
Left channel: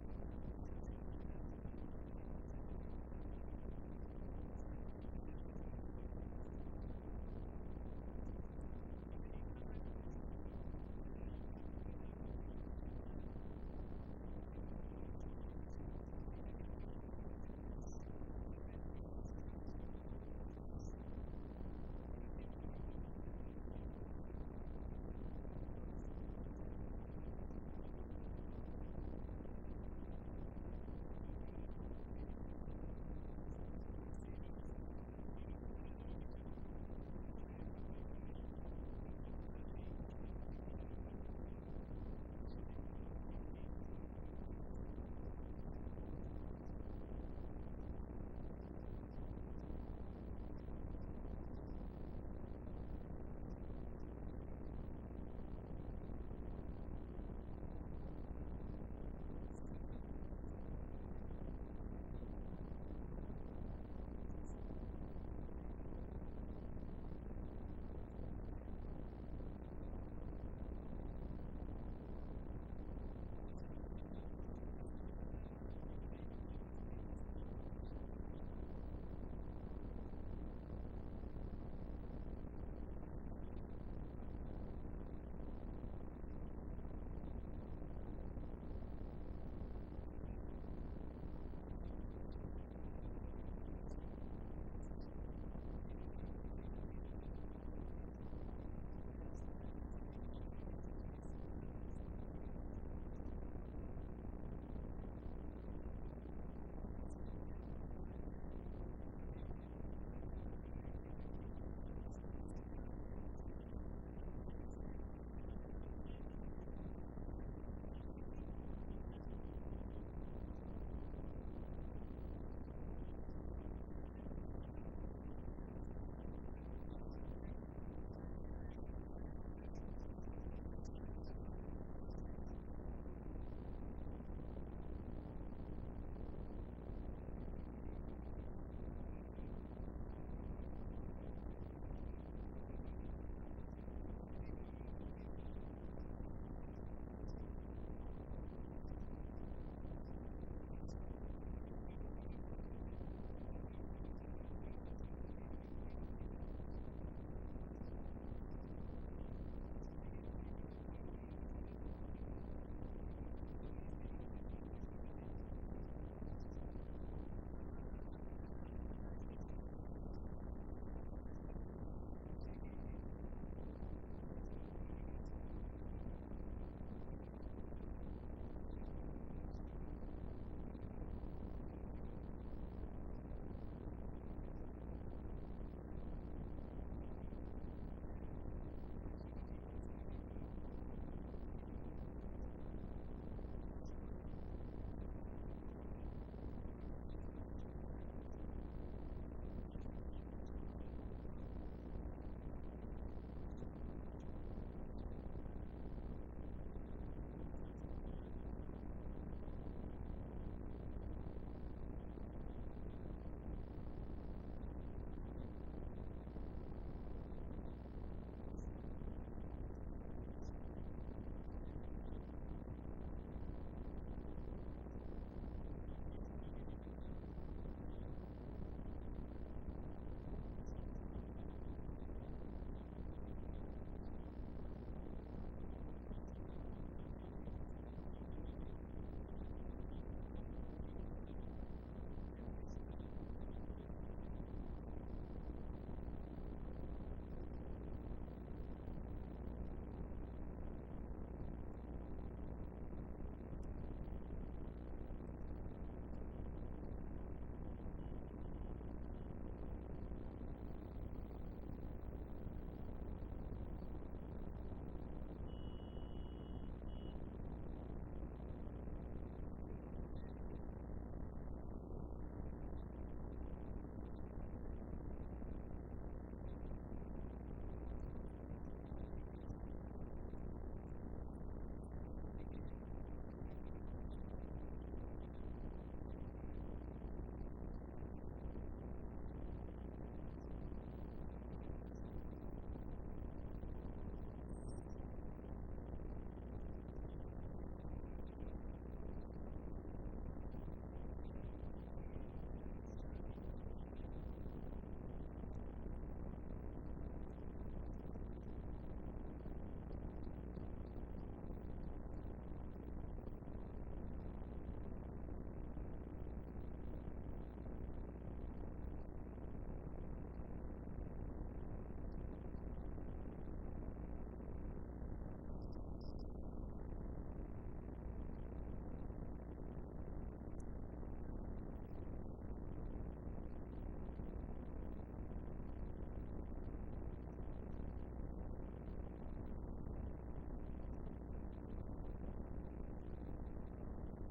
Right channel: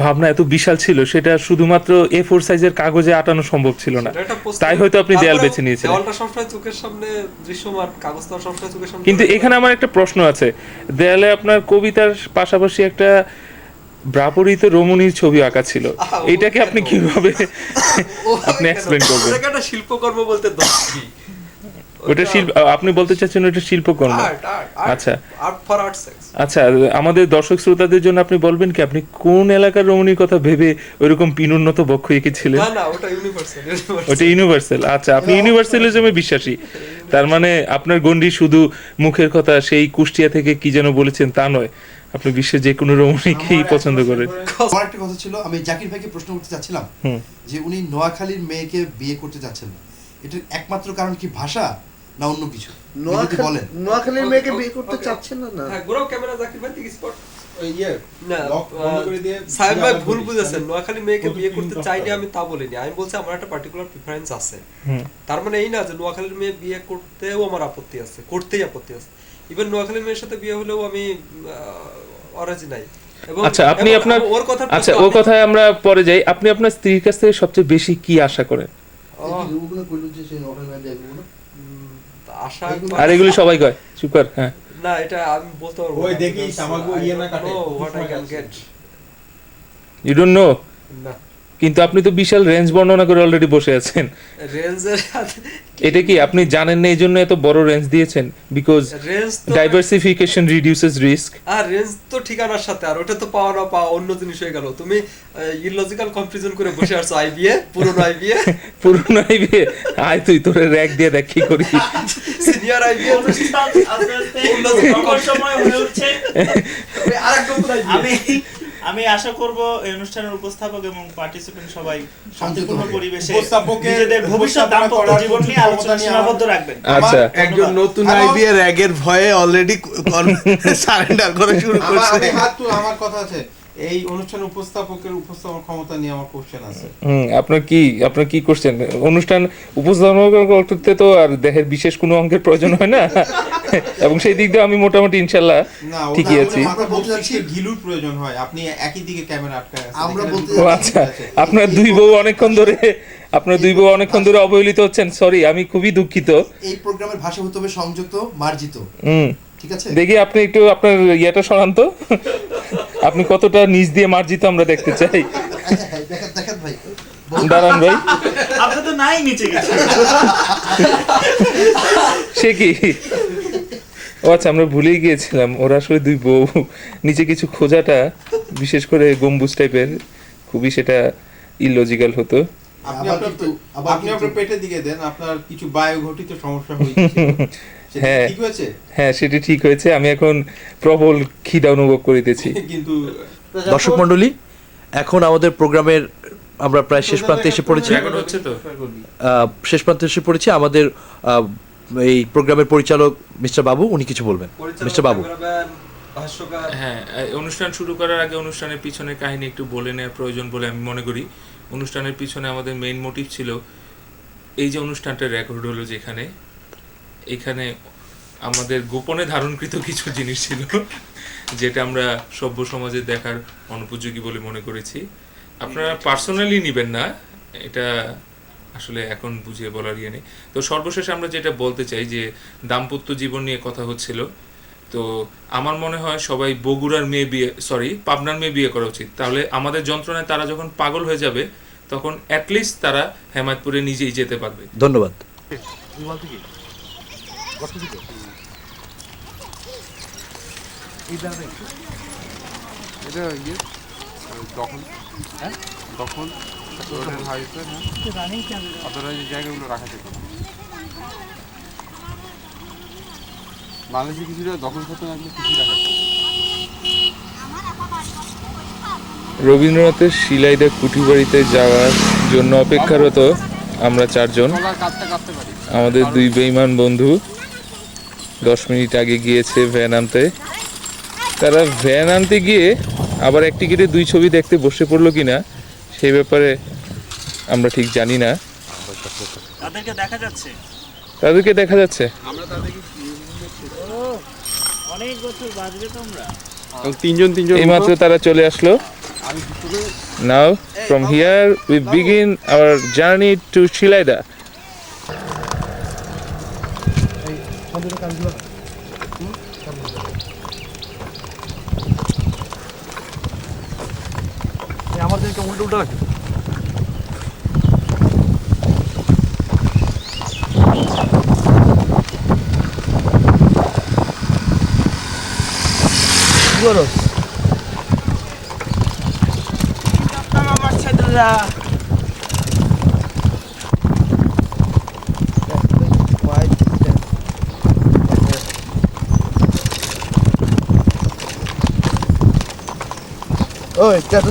ভাবনা এত বিশাল ছিল সেটা শুধুমাত্র A4 সাইজের কাগজে আটানো সম্ভব ছিল না, তাই হয়তো আপনি দেয়াল বেছে নিয়েছিলেন। দেওয়ালটা সবসময় চোখের সামনে দৃশ্যমান, কাগজটা সবসময় চোখের সামনে। কিন্তু এখানে আমার একটা প্রশ্ন আছে, দেয়ালে আপনার কবিতার পাশাপাশি একটা ব্রাপরিত রমণীর ছবি আঁকা ছিল, এটাকে আপনি কিভাবে আপনি এক্সপ্লেইন করবেন? ওটাকে একটা শিল্পকর্ম বলতে দোষ কি? ওটা শিল্প, আপনি বলতে চাচ্ছেন ওটা শিল্পকর্ম? আচ্ছা আর্ট ফর আর্ট সেক্স। আচ্ছা, আমাদের দর্শক শ্রোতাদের জন্য আপনি বলবেন কি আপনি কোন এলাকার রমণীর কথা ভেবে ওইরকম পিনুন্নত বক্ষ এঁকেছিলেন? না ওটা ইউনিভার্সাল। ওটা ইউনিভার্সাল। আচ্ছা, আপনি ইউনিভার্সালিজমে বিশ্বাসী, তার মানে আপনার গন্ডি শুধু মুখের কথা সেই কুষ্টিয়া থেকে কি যেন বলেছেন তা নয়, আপনি বিশ্বের যে কোনো রমণীকেই পছন্দ করেন। আমার একটা কথা ছিল, আমি জাকির ভাইকে প্রশ্ন করতে চাচ্ছিলাম যে উনি নোয়াখালীর মেয়েকে বিয়ে করতে চাচ্ছেন না, এটার একমাত্র কারণ কি ভাষা না অন্য কিছু? বলেন। নোয়াখালীর মেয়েকে বিয়ে করতে চাচ্ছেন না? হ্যাঁ, ঘোরাও ক্যামেরা, জাকির ভাই ঠিক স্পট। ওই ইয়ে না, লক বন্ধ করে দিয়ে সাহেব ভাই ভুল বুঝেছেন। নোয়াখালী মেয়েকে বিয়ে করতে চাইনি আমি তা বলিনি, আমি বলছি আমার একটা পার্টিকুলার প্রিফারেন্স আছে। তার মানে এই না যে নোয়াখালীর মেয়ে বিয়ে করতেও আমার আপত্তি আছে, করতেই আপত্তি আছে। ইভেন নোয়াখালীর মেয়ের সাথে বিয়ে হলেও আমি অরাজি নাই। আচ্ছা, আপনি আপনার আচ্ছা ও কথায় আমরা পরে যাই। আপনি আপনার স্ত্রীর কাছ থেকে সবচেয়ে বেশি কি আশা করেন? আশা আর এগুলি সবাই কয়, চুপ কর। হ্যাঁ, না, এটা আমি বলতে পারবো ওই দেখিস আমাগো ইয়ে না কাটে what I can get. You don't know? না, কিন্তু আপনি তো বিশাল রেঞ্জ বর্ণনা করে অলরেডি বসে আছেন। রেঞ্জের এটা কি আপনি জানেন না এই জন্য এত বড় রেঞ্জ দিয়েছেন? বিকজ রেঞ্জ তো ডাইভার্সিফিকেশন রিডিউসেস রিস্ক। আর রেঞ্জ তো ঠিকানার সাথে, আর ওটা তো পাওয়া না পাওয়া অন্য জিনিস হয়ে গেল। তুমি ইললজিক্যাল কনফিউশন করে বসে আসছো আইবিএ, পুরনো আইবিএ। পুরনো আইবিএ আয় তুই তোরে র‍্যাক দিয়ে দেখ কি করিস। সিনিয়র আইবিএ সময় হয়ে উঠছে। আরেকটা নতুন আইবিএ। আমি আশা করব এই অনুষ্ঠানের উপস্থাপক এবং পার্টিসিপেন্ট সবাই শান্তিপূর্ণ পরিবেশে উপস্থাপকের নিজেদের ভবিষ্যৎ দাম্পত্য জীবন নিয়ে আলোচনা সীমাবদ্ধ রাখবেন। আচ্ছা, একজন নতুন আইবিএ র‍্যাগের ভয়ে অলরেডি সারেন্ডার করা শুরু করছে। আমার কথা আছে, এই অনুষ্ঠানের উপস্থাপকের উপস্থাপন ক্ষমতা নিয়ে আমার কোশ্চেন আছে। আপনার কি করছেন? অনুষ্ঠান উপস্থাপনা করতে তো আর দেহের বিশেষ কোনো অঙ্গের প্রয়োজন হয় না, এবং সেই দিক দিয়ে আমি মোটামুটি ইনশাআল্লাহ ঠিকই আছি। আমরা বলতে যাচ্ছি ঘিলুর প্রয়োজন হয়, আপনি একই দিকে ক্যামেরা আটকায় আছেন। আমরা বলতে ও আচ্ছা, আপনার দুই বউ অনেকক্ষণ ধরে অবহেলিত হচ্ছেন। সরি, আমি খুবই দুঃখিত। এই প্রোগ্রামের ভাষা হতে হবে সংযুক্ত মার্জিত, ঠিক আছে? দেখি আপনি একটু আপনার ইয়েটা শোনান তো, আপনি কতটা নিচ দিয়ে মার্জিত আমরা দেখতে চাই। দেখেন ভাই, দাঁড়ান ভাই, আপনি তো নাই নিচে গেছে। সে কি? ও আচ্ছা, আমরা ভুলেই গিয়েছিলাম ওরা আসলে দুই বউ। নিচে কিছু খোঁজাটা বিশেষ করে গম্বুজ টাইপের খুবই সেটা ইললজিক্যাল হতো। আপনি আপনার পেটের দিকে দেন, আপনার কিছু বায়ু ঘটিত সমস্যা হয়েছে। হ্যাঁ ঠিক হয়েছে? হ্যাঁ, সেটা ঠিক হয়েছে। আমি এখন প্রবল খিদা অনুভব করিতেছি। কিন্তু দর্শক মণ্ডলী, এখন আমাদের প্রোগ্রামের আমরা প্রায় শেষ প্রান্তে এসে পড়েছি। আমাদের এই প্রোগ্রামের পরিচালক মিস্টার বাবু, উনি কিছু বলবেন। মিস্টার বাবু। ক্যামেরাম্যান, ভাষ্যকার। হ্যাঁ, অনুষ্ঠান শুরু করার আগে অনুষ্ঠানের পিছনের কাহিনী একটু বলে নেওয়া প্রয়োজন বলে আমি মনে করি। অনুষ্ঠানের পিছনে আমাদের মেইন মোটিভ ছিল এই যে অনুষ্ঠানটা রেকর্ড হলো যেখানে, এখানে আমাদের গোপনে ধারণকৃত কিছু জিনিস ছিল যেটা আমরা সভ্য সমাজে দেখার অনুপযোগী বলে মনে করেছি। আপনারা পার্সোনালি নেবেন না, এটা আসলে এখন বুঝিয়ে বলার ইয়ে নেই। তো সর্বশেষে আমরা যেটা বলতে চাই যে দাম্পত্য জীবন নিয়ে কথা হচ্ছিল, তো আমার মনে হয় সবাই বগুড়ার মেয়ে বিয়ে, পাবনার মেয়ে বিয়ে করা উচিত। তাহলে আমাদের যন্ত্রণায় তারা যখন পাগল হয়ে যাবে তখন অ্যাটলিস্ট তারা হেমায়তপুরে নিজেই যেতে পারবে। ধন্যবাদ। রবীন্দ্রনাথের শিলাইদা কুঠিবাড়িতে যাওয়ার জন্য অপেক্ষারত আমরা চারজন। আমাদের দুই বেঈমান বন্ধু 10 মিনিট আগে গিয়েছে ভ্যান আনতে। তারা ভ্যান আনতে গিয়ে আবার এক টিকিটে 2 ছবি দেখতে বসে পড়লো কিনা সেই ব্যাপারে আমরা ঠিক জানি না। তাদেরকে দেখা যাচ্ছে, তাদেরকে দেখা যাচ্ছে। অনেক বছর বাজবে তোমরা। এইমাত্র তারা চলে আসলো। Now from here we begin our journey to Shilaida. আমাদেরকে উল্টো উল্টো রাখে। ওই কত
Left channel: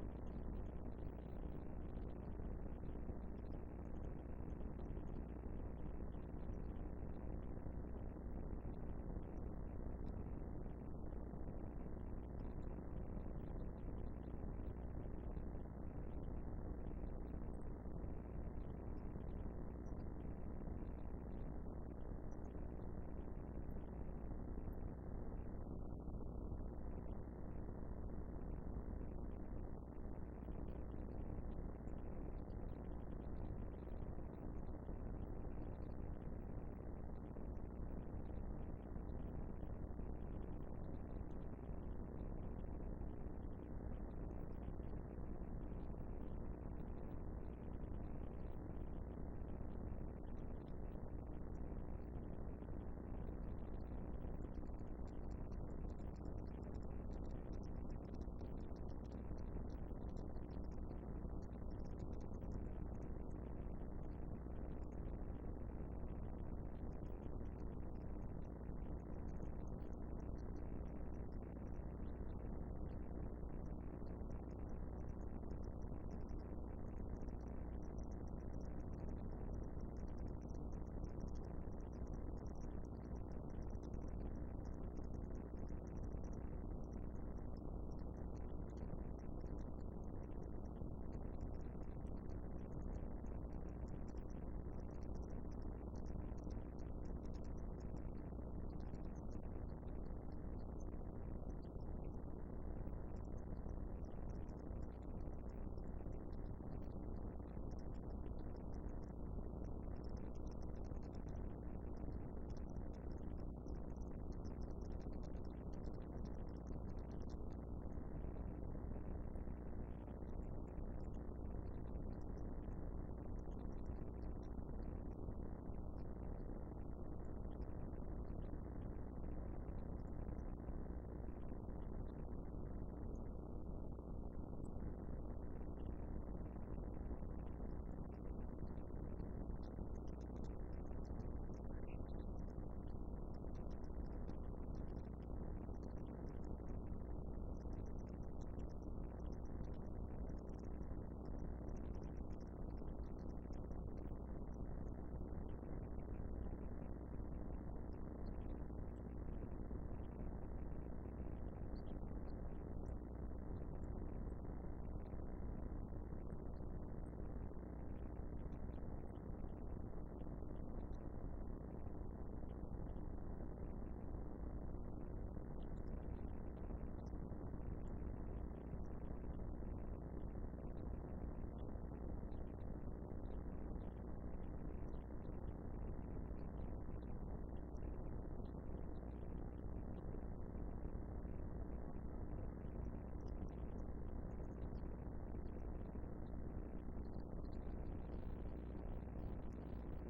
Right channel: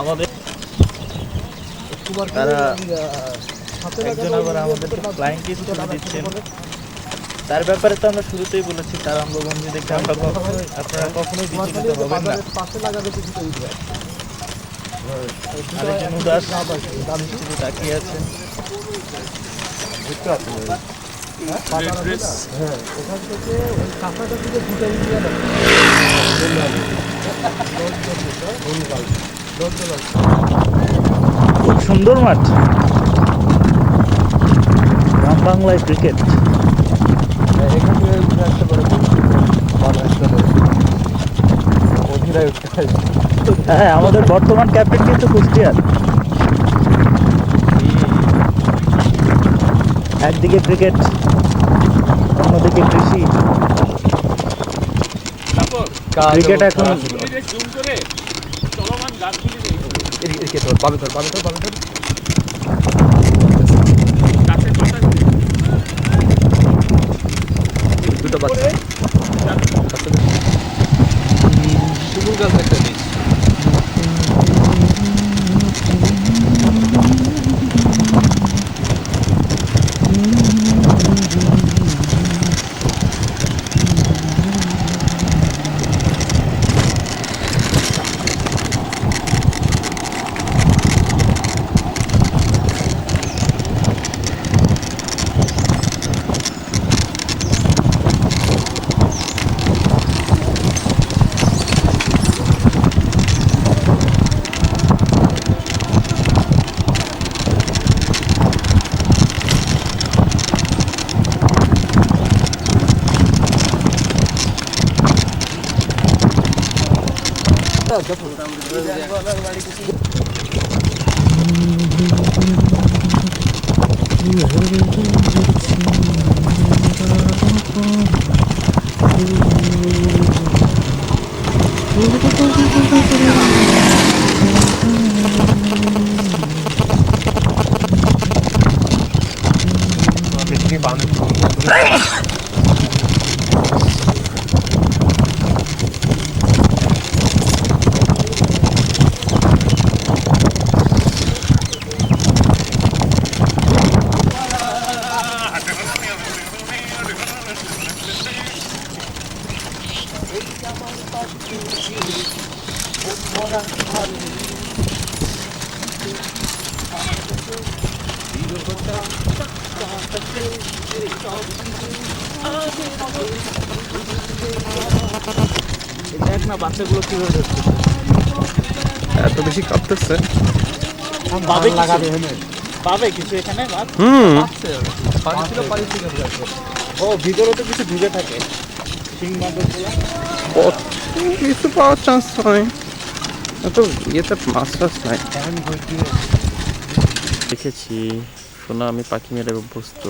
আমাদের তারা একজন আবার আমাদেরকে ফ্লাইং কিস দিচ্ছেন। তার ব্যাপারে তো আমরা শুরুতেই বলেছি, তার অঙ্গভঙ্গি দেখে আমরা আপনারা কখনোই বিচলিত হবেন না। আরেকজন উদাস দৃষ্টিতে তাকিয়ে আছেন। খুব সুন্দর মাঠ, গ্রাম বাংলায় ক্রিকেট। হ্যাঁ, আমাদের বর্তমান ক্যাপ্টেন কিন্তু কুষ্টিয়ার। একদিকে ক্রিকেট, অন্যদিকে কৃষি। ক্রিকেট এখন দুটো বাচ্চা শিমুল গাছ একটা নেই। দেখ না বাচ্চাগুলো কিভাবে ধরছে। এত বেশি কাঁপতেছে। পাবে পাবে কিছু এখানে মাছ? ও ভিতরে তো কিছু ঢুকে থাকে শিং মাছগুলো। কিছু পাওয়ার চান্স হয়, এত ইয়েতে মাছ টাছ নাই। দেখেছি শোনা, আমি পাখি মেরে অভ্যস্ত।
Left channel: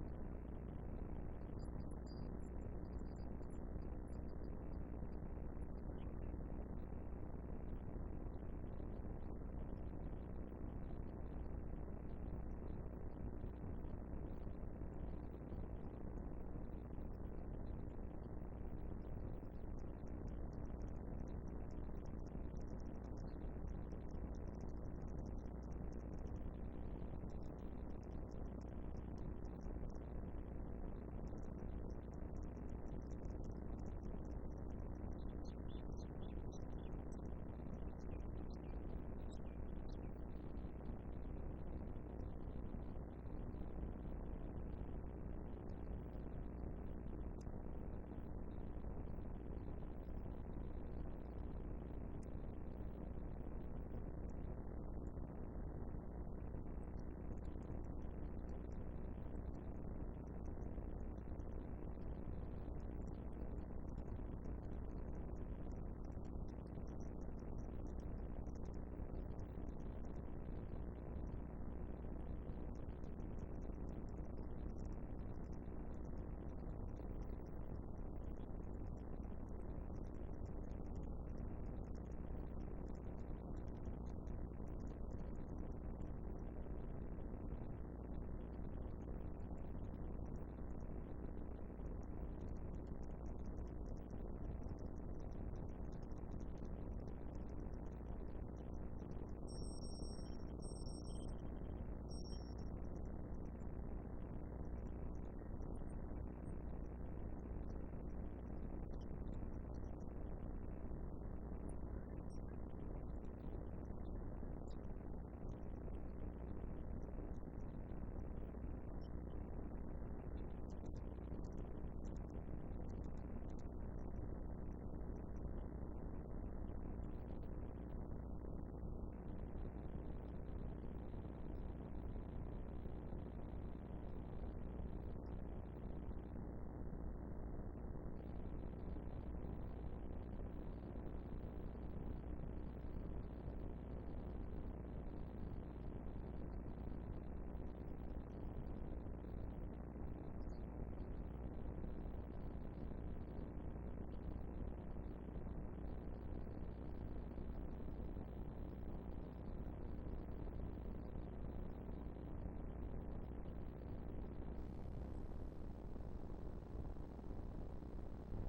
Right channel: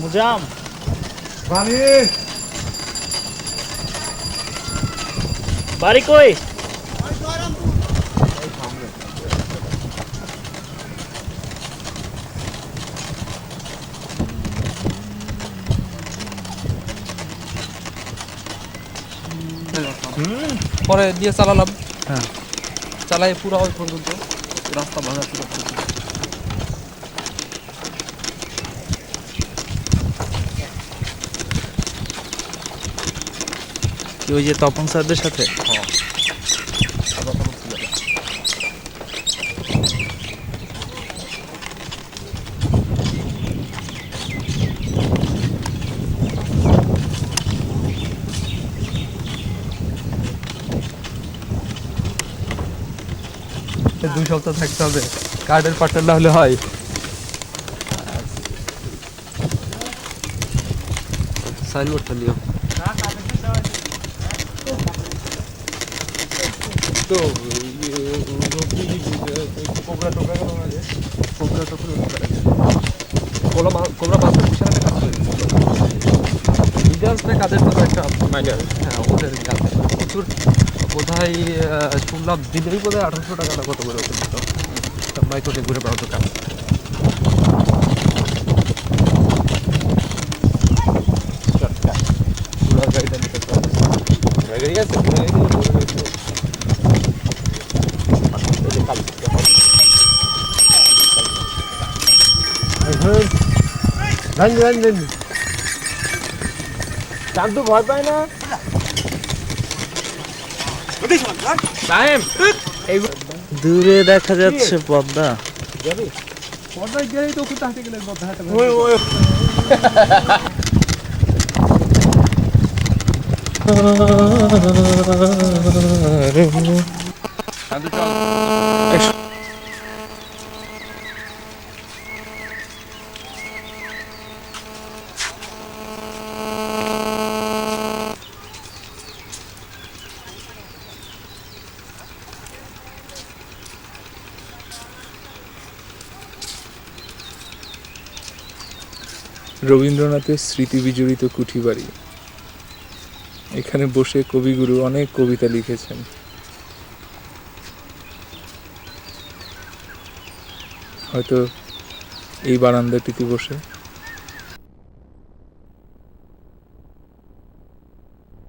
মুজাম বাড়ি কই? পরে দিয়ে চালালাম, চালাই পুরো ওই পর্যন্ত রাস্তা ভাঙা ছিল। কি ওই যে তপন স্যারদের সাথে? দুই সপ্তাহ থাকতে হবে, কার্ডের পার্টনার না হলে হয়। সাইনবোর্ডটা নিও তো কোবরা টোকা গেল না যে কোবরা কোবরা মাস্টার পুষাতে কাজ করে ইন্ডিয়ান্সটা কাজের তো একটা মাইনার, হ্যাঁ ওদের কাজ প্রচুর। বোধহয় শুনলাম দিনেই বোধহয় 1800 টাকা না কত করে ওদের দিত মাইক্রোটে ঘুরে বেড়াতো কাজ। গাড়িটা নিতে গাড়ি আছে চাঁদ ভয় পায় না। দূরে দেখা যাচ্ছে পদ্মা। পদ্মায় গেলেই তো ওখানে হাঁটে গেলে পদ্মা হাঁটে রবীন্দ্রনাথের স্মৃতি বিজড়িত কুঠি বাড়ি। এখানে বসে কবিগুরু অনেক কবিতা লিখেছেন। হয়তো এই বারান্দাটিতে বসে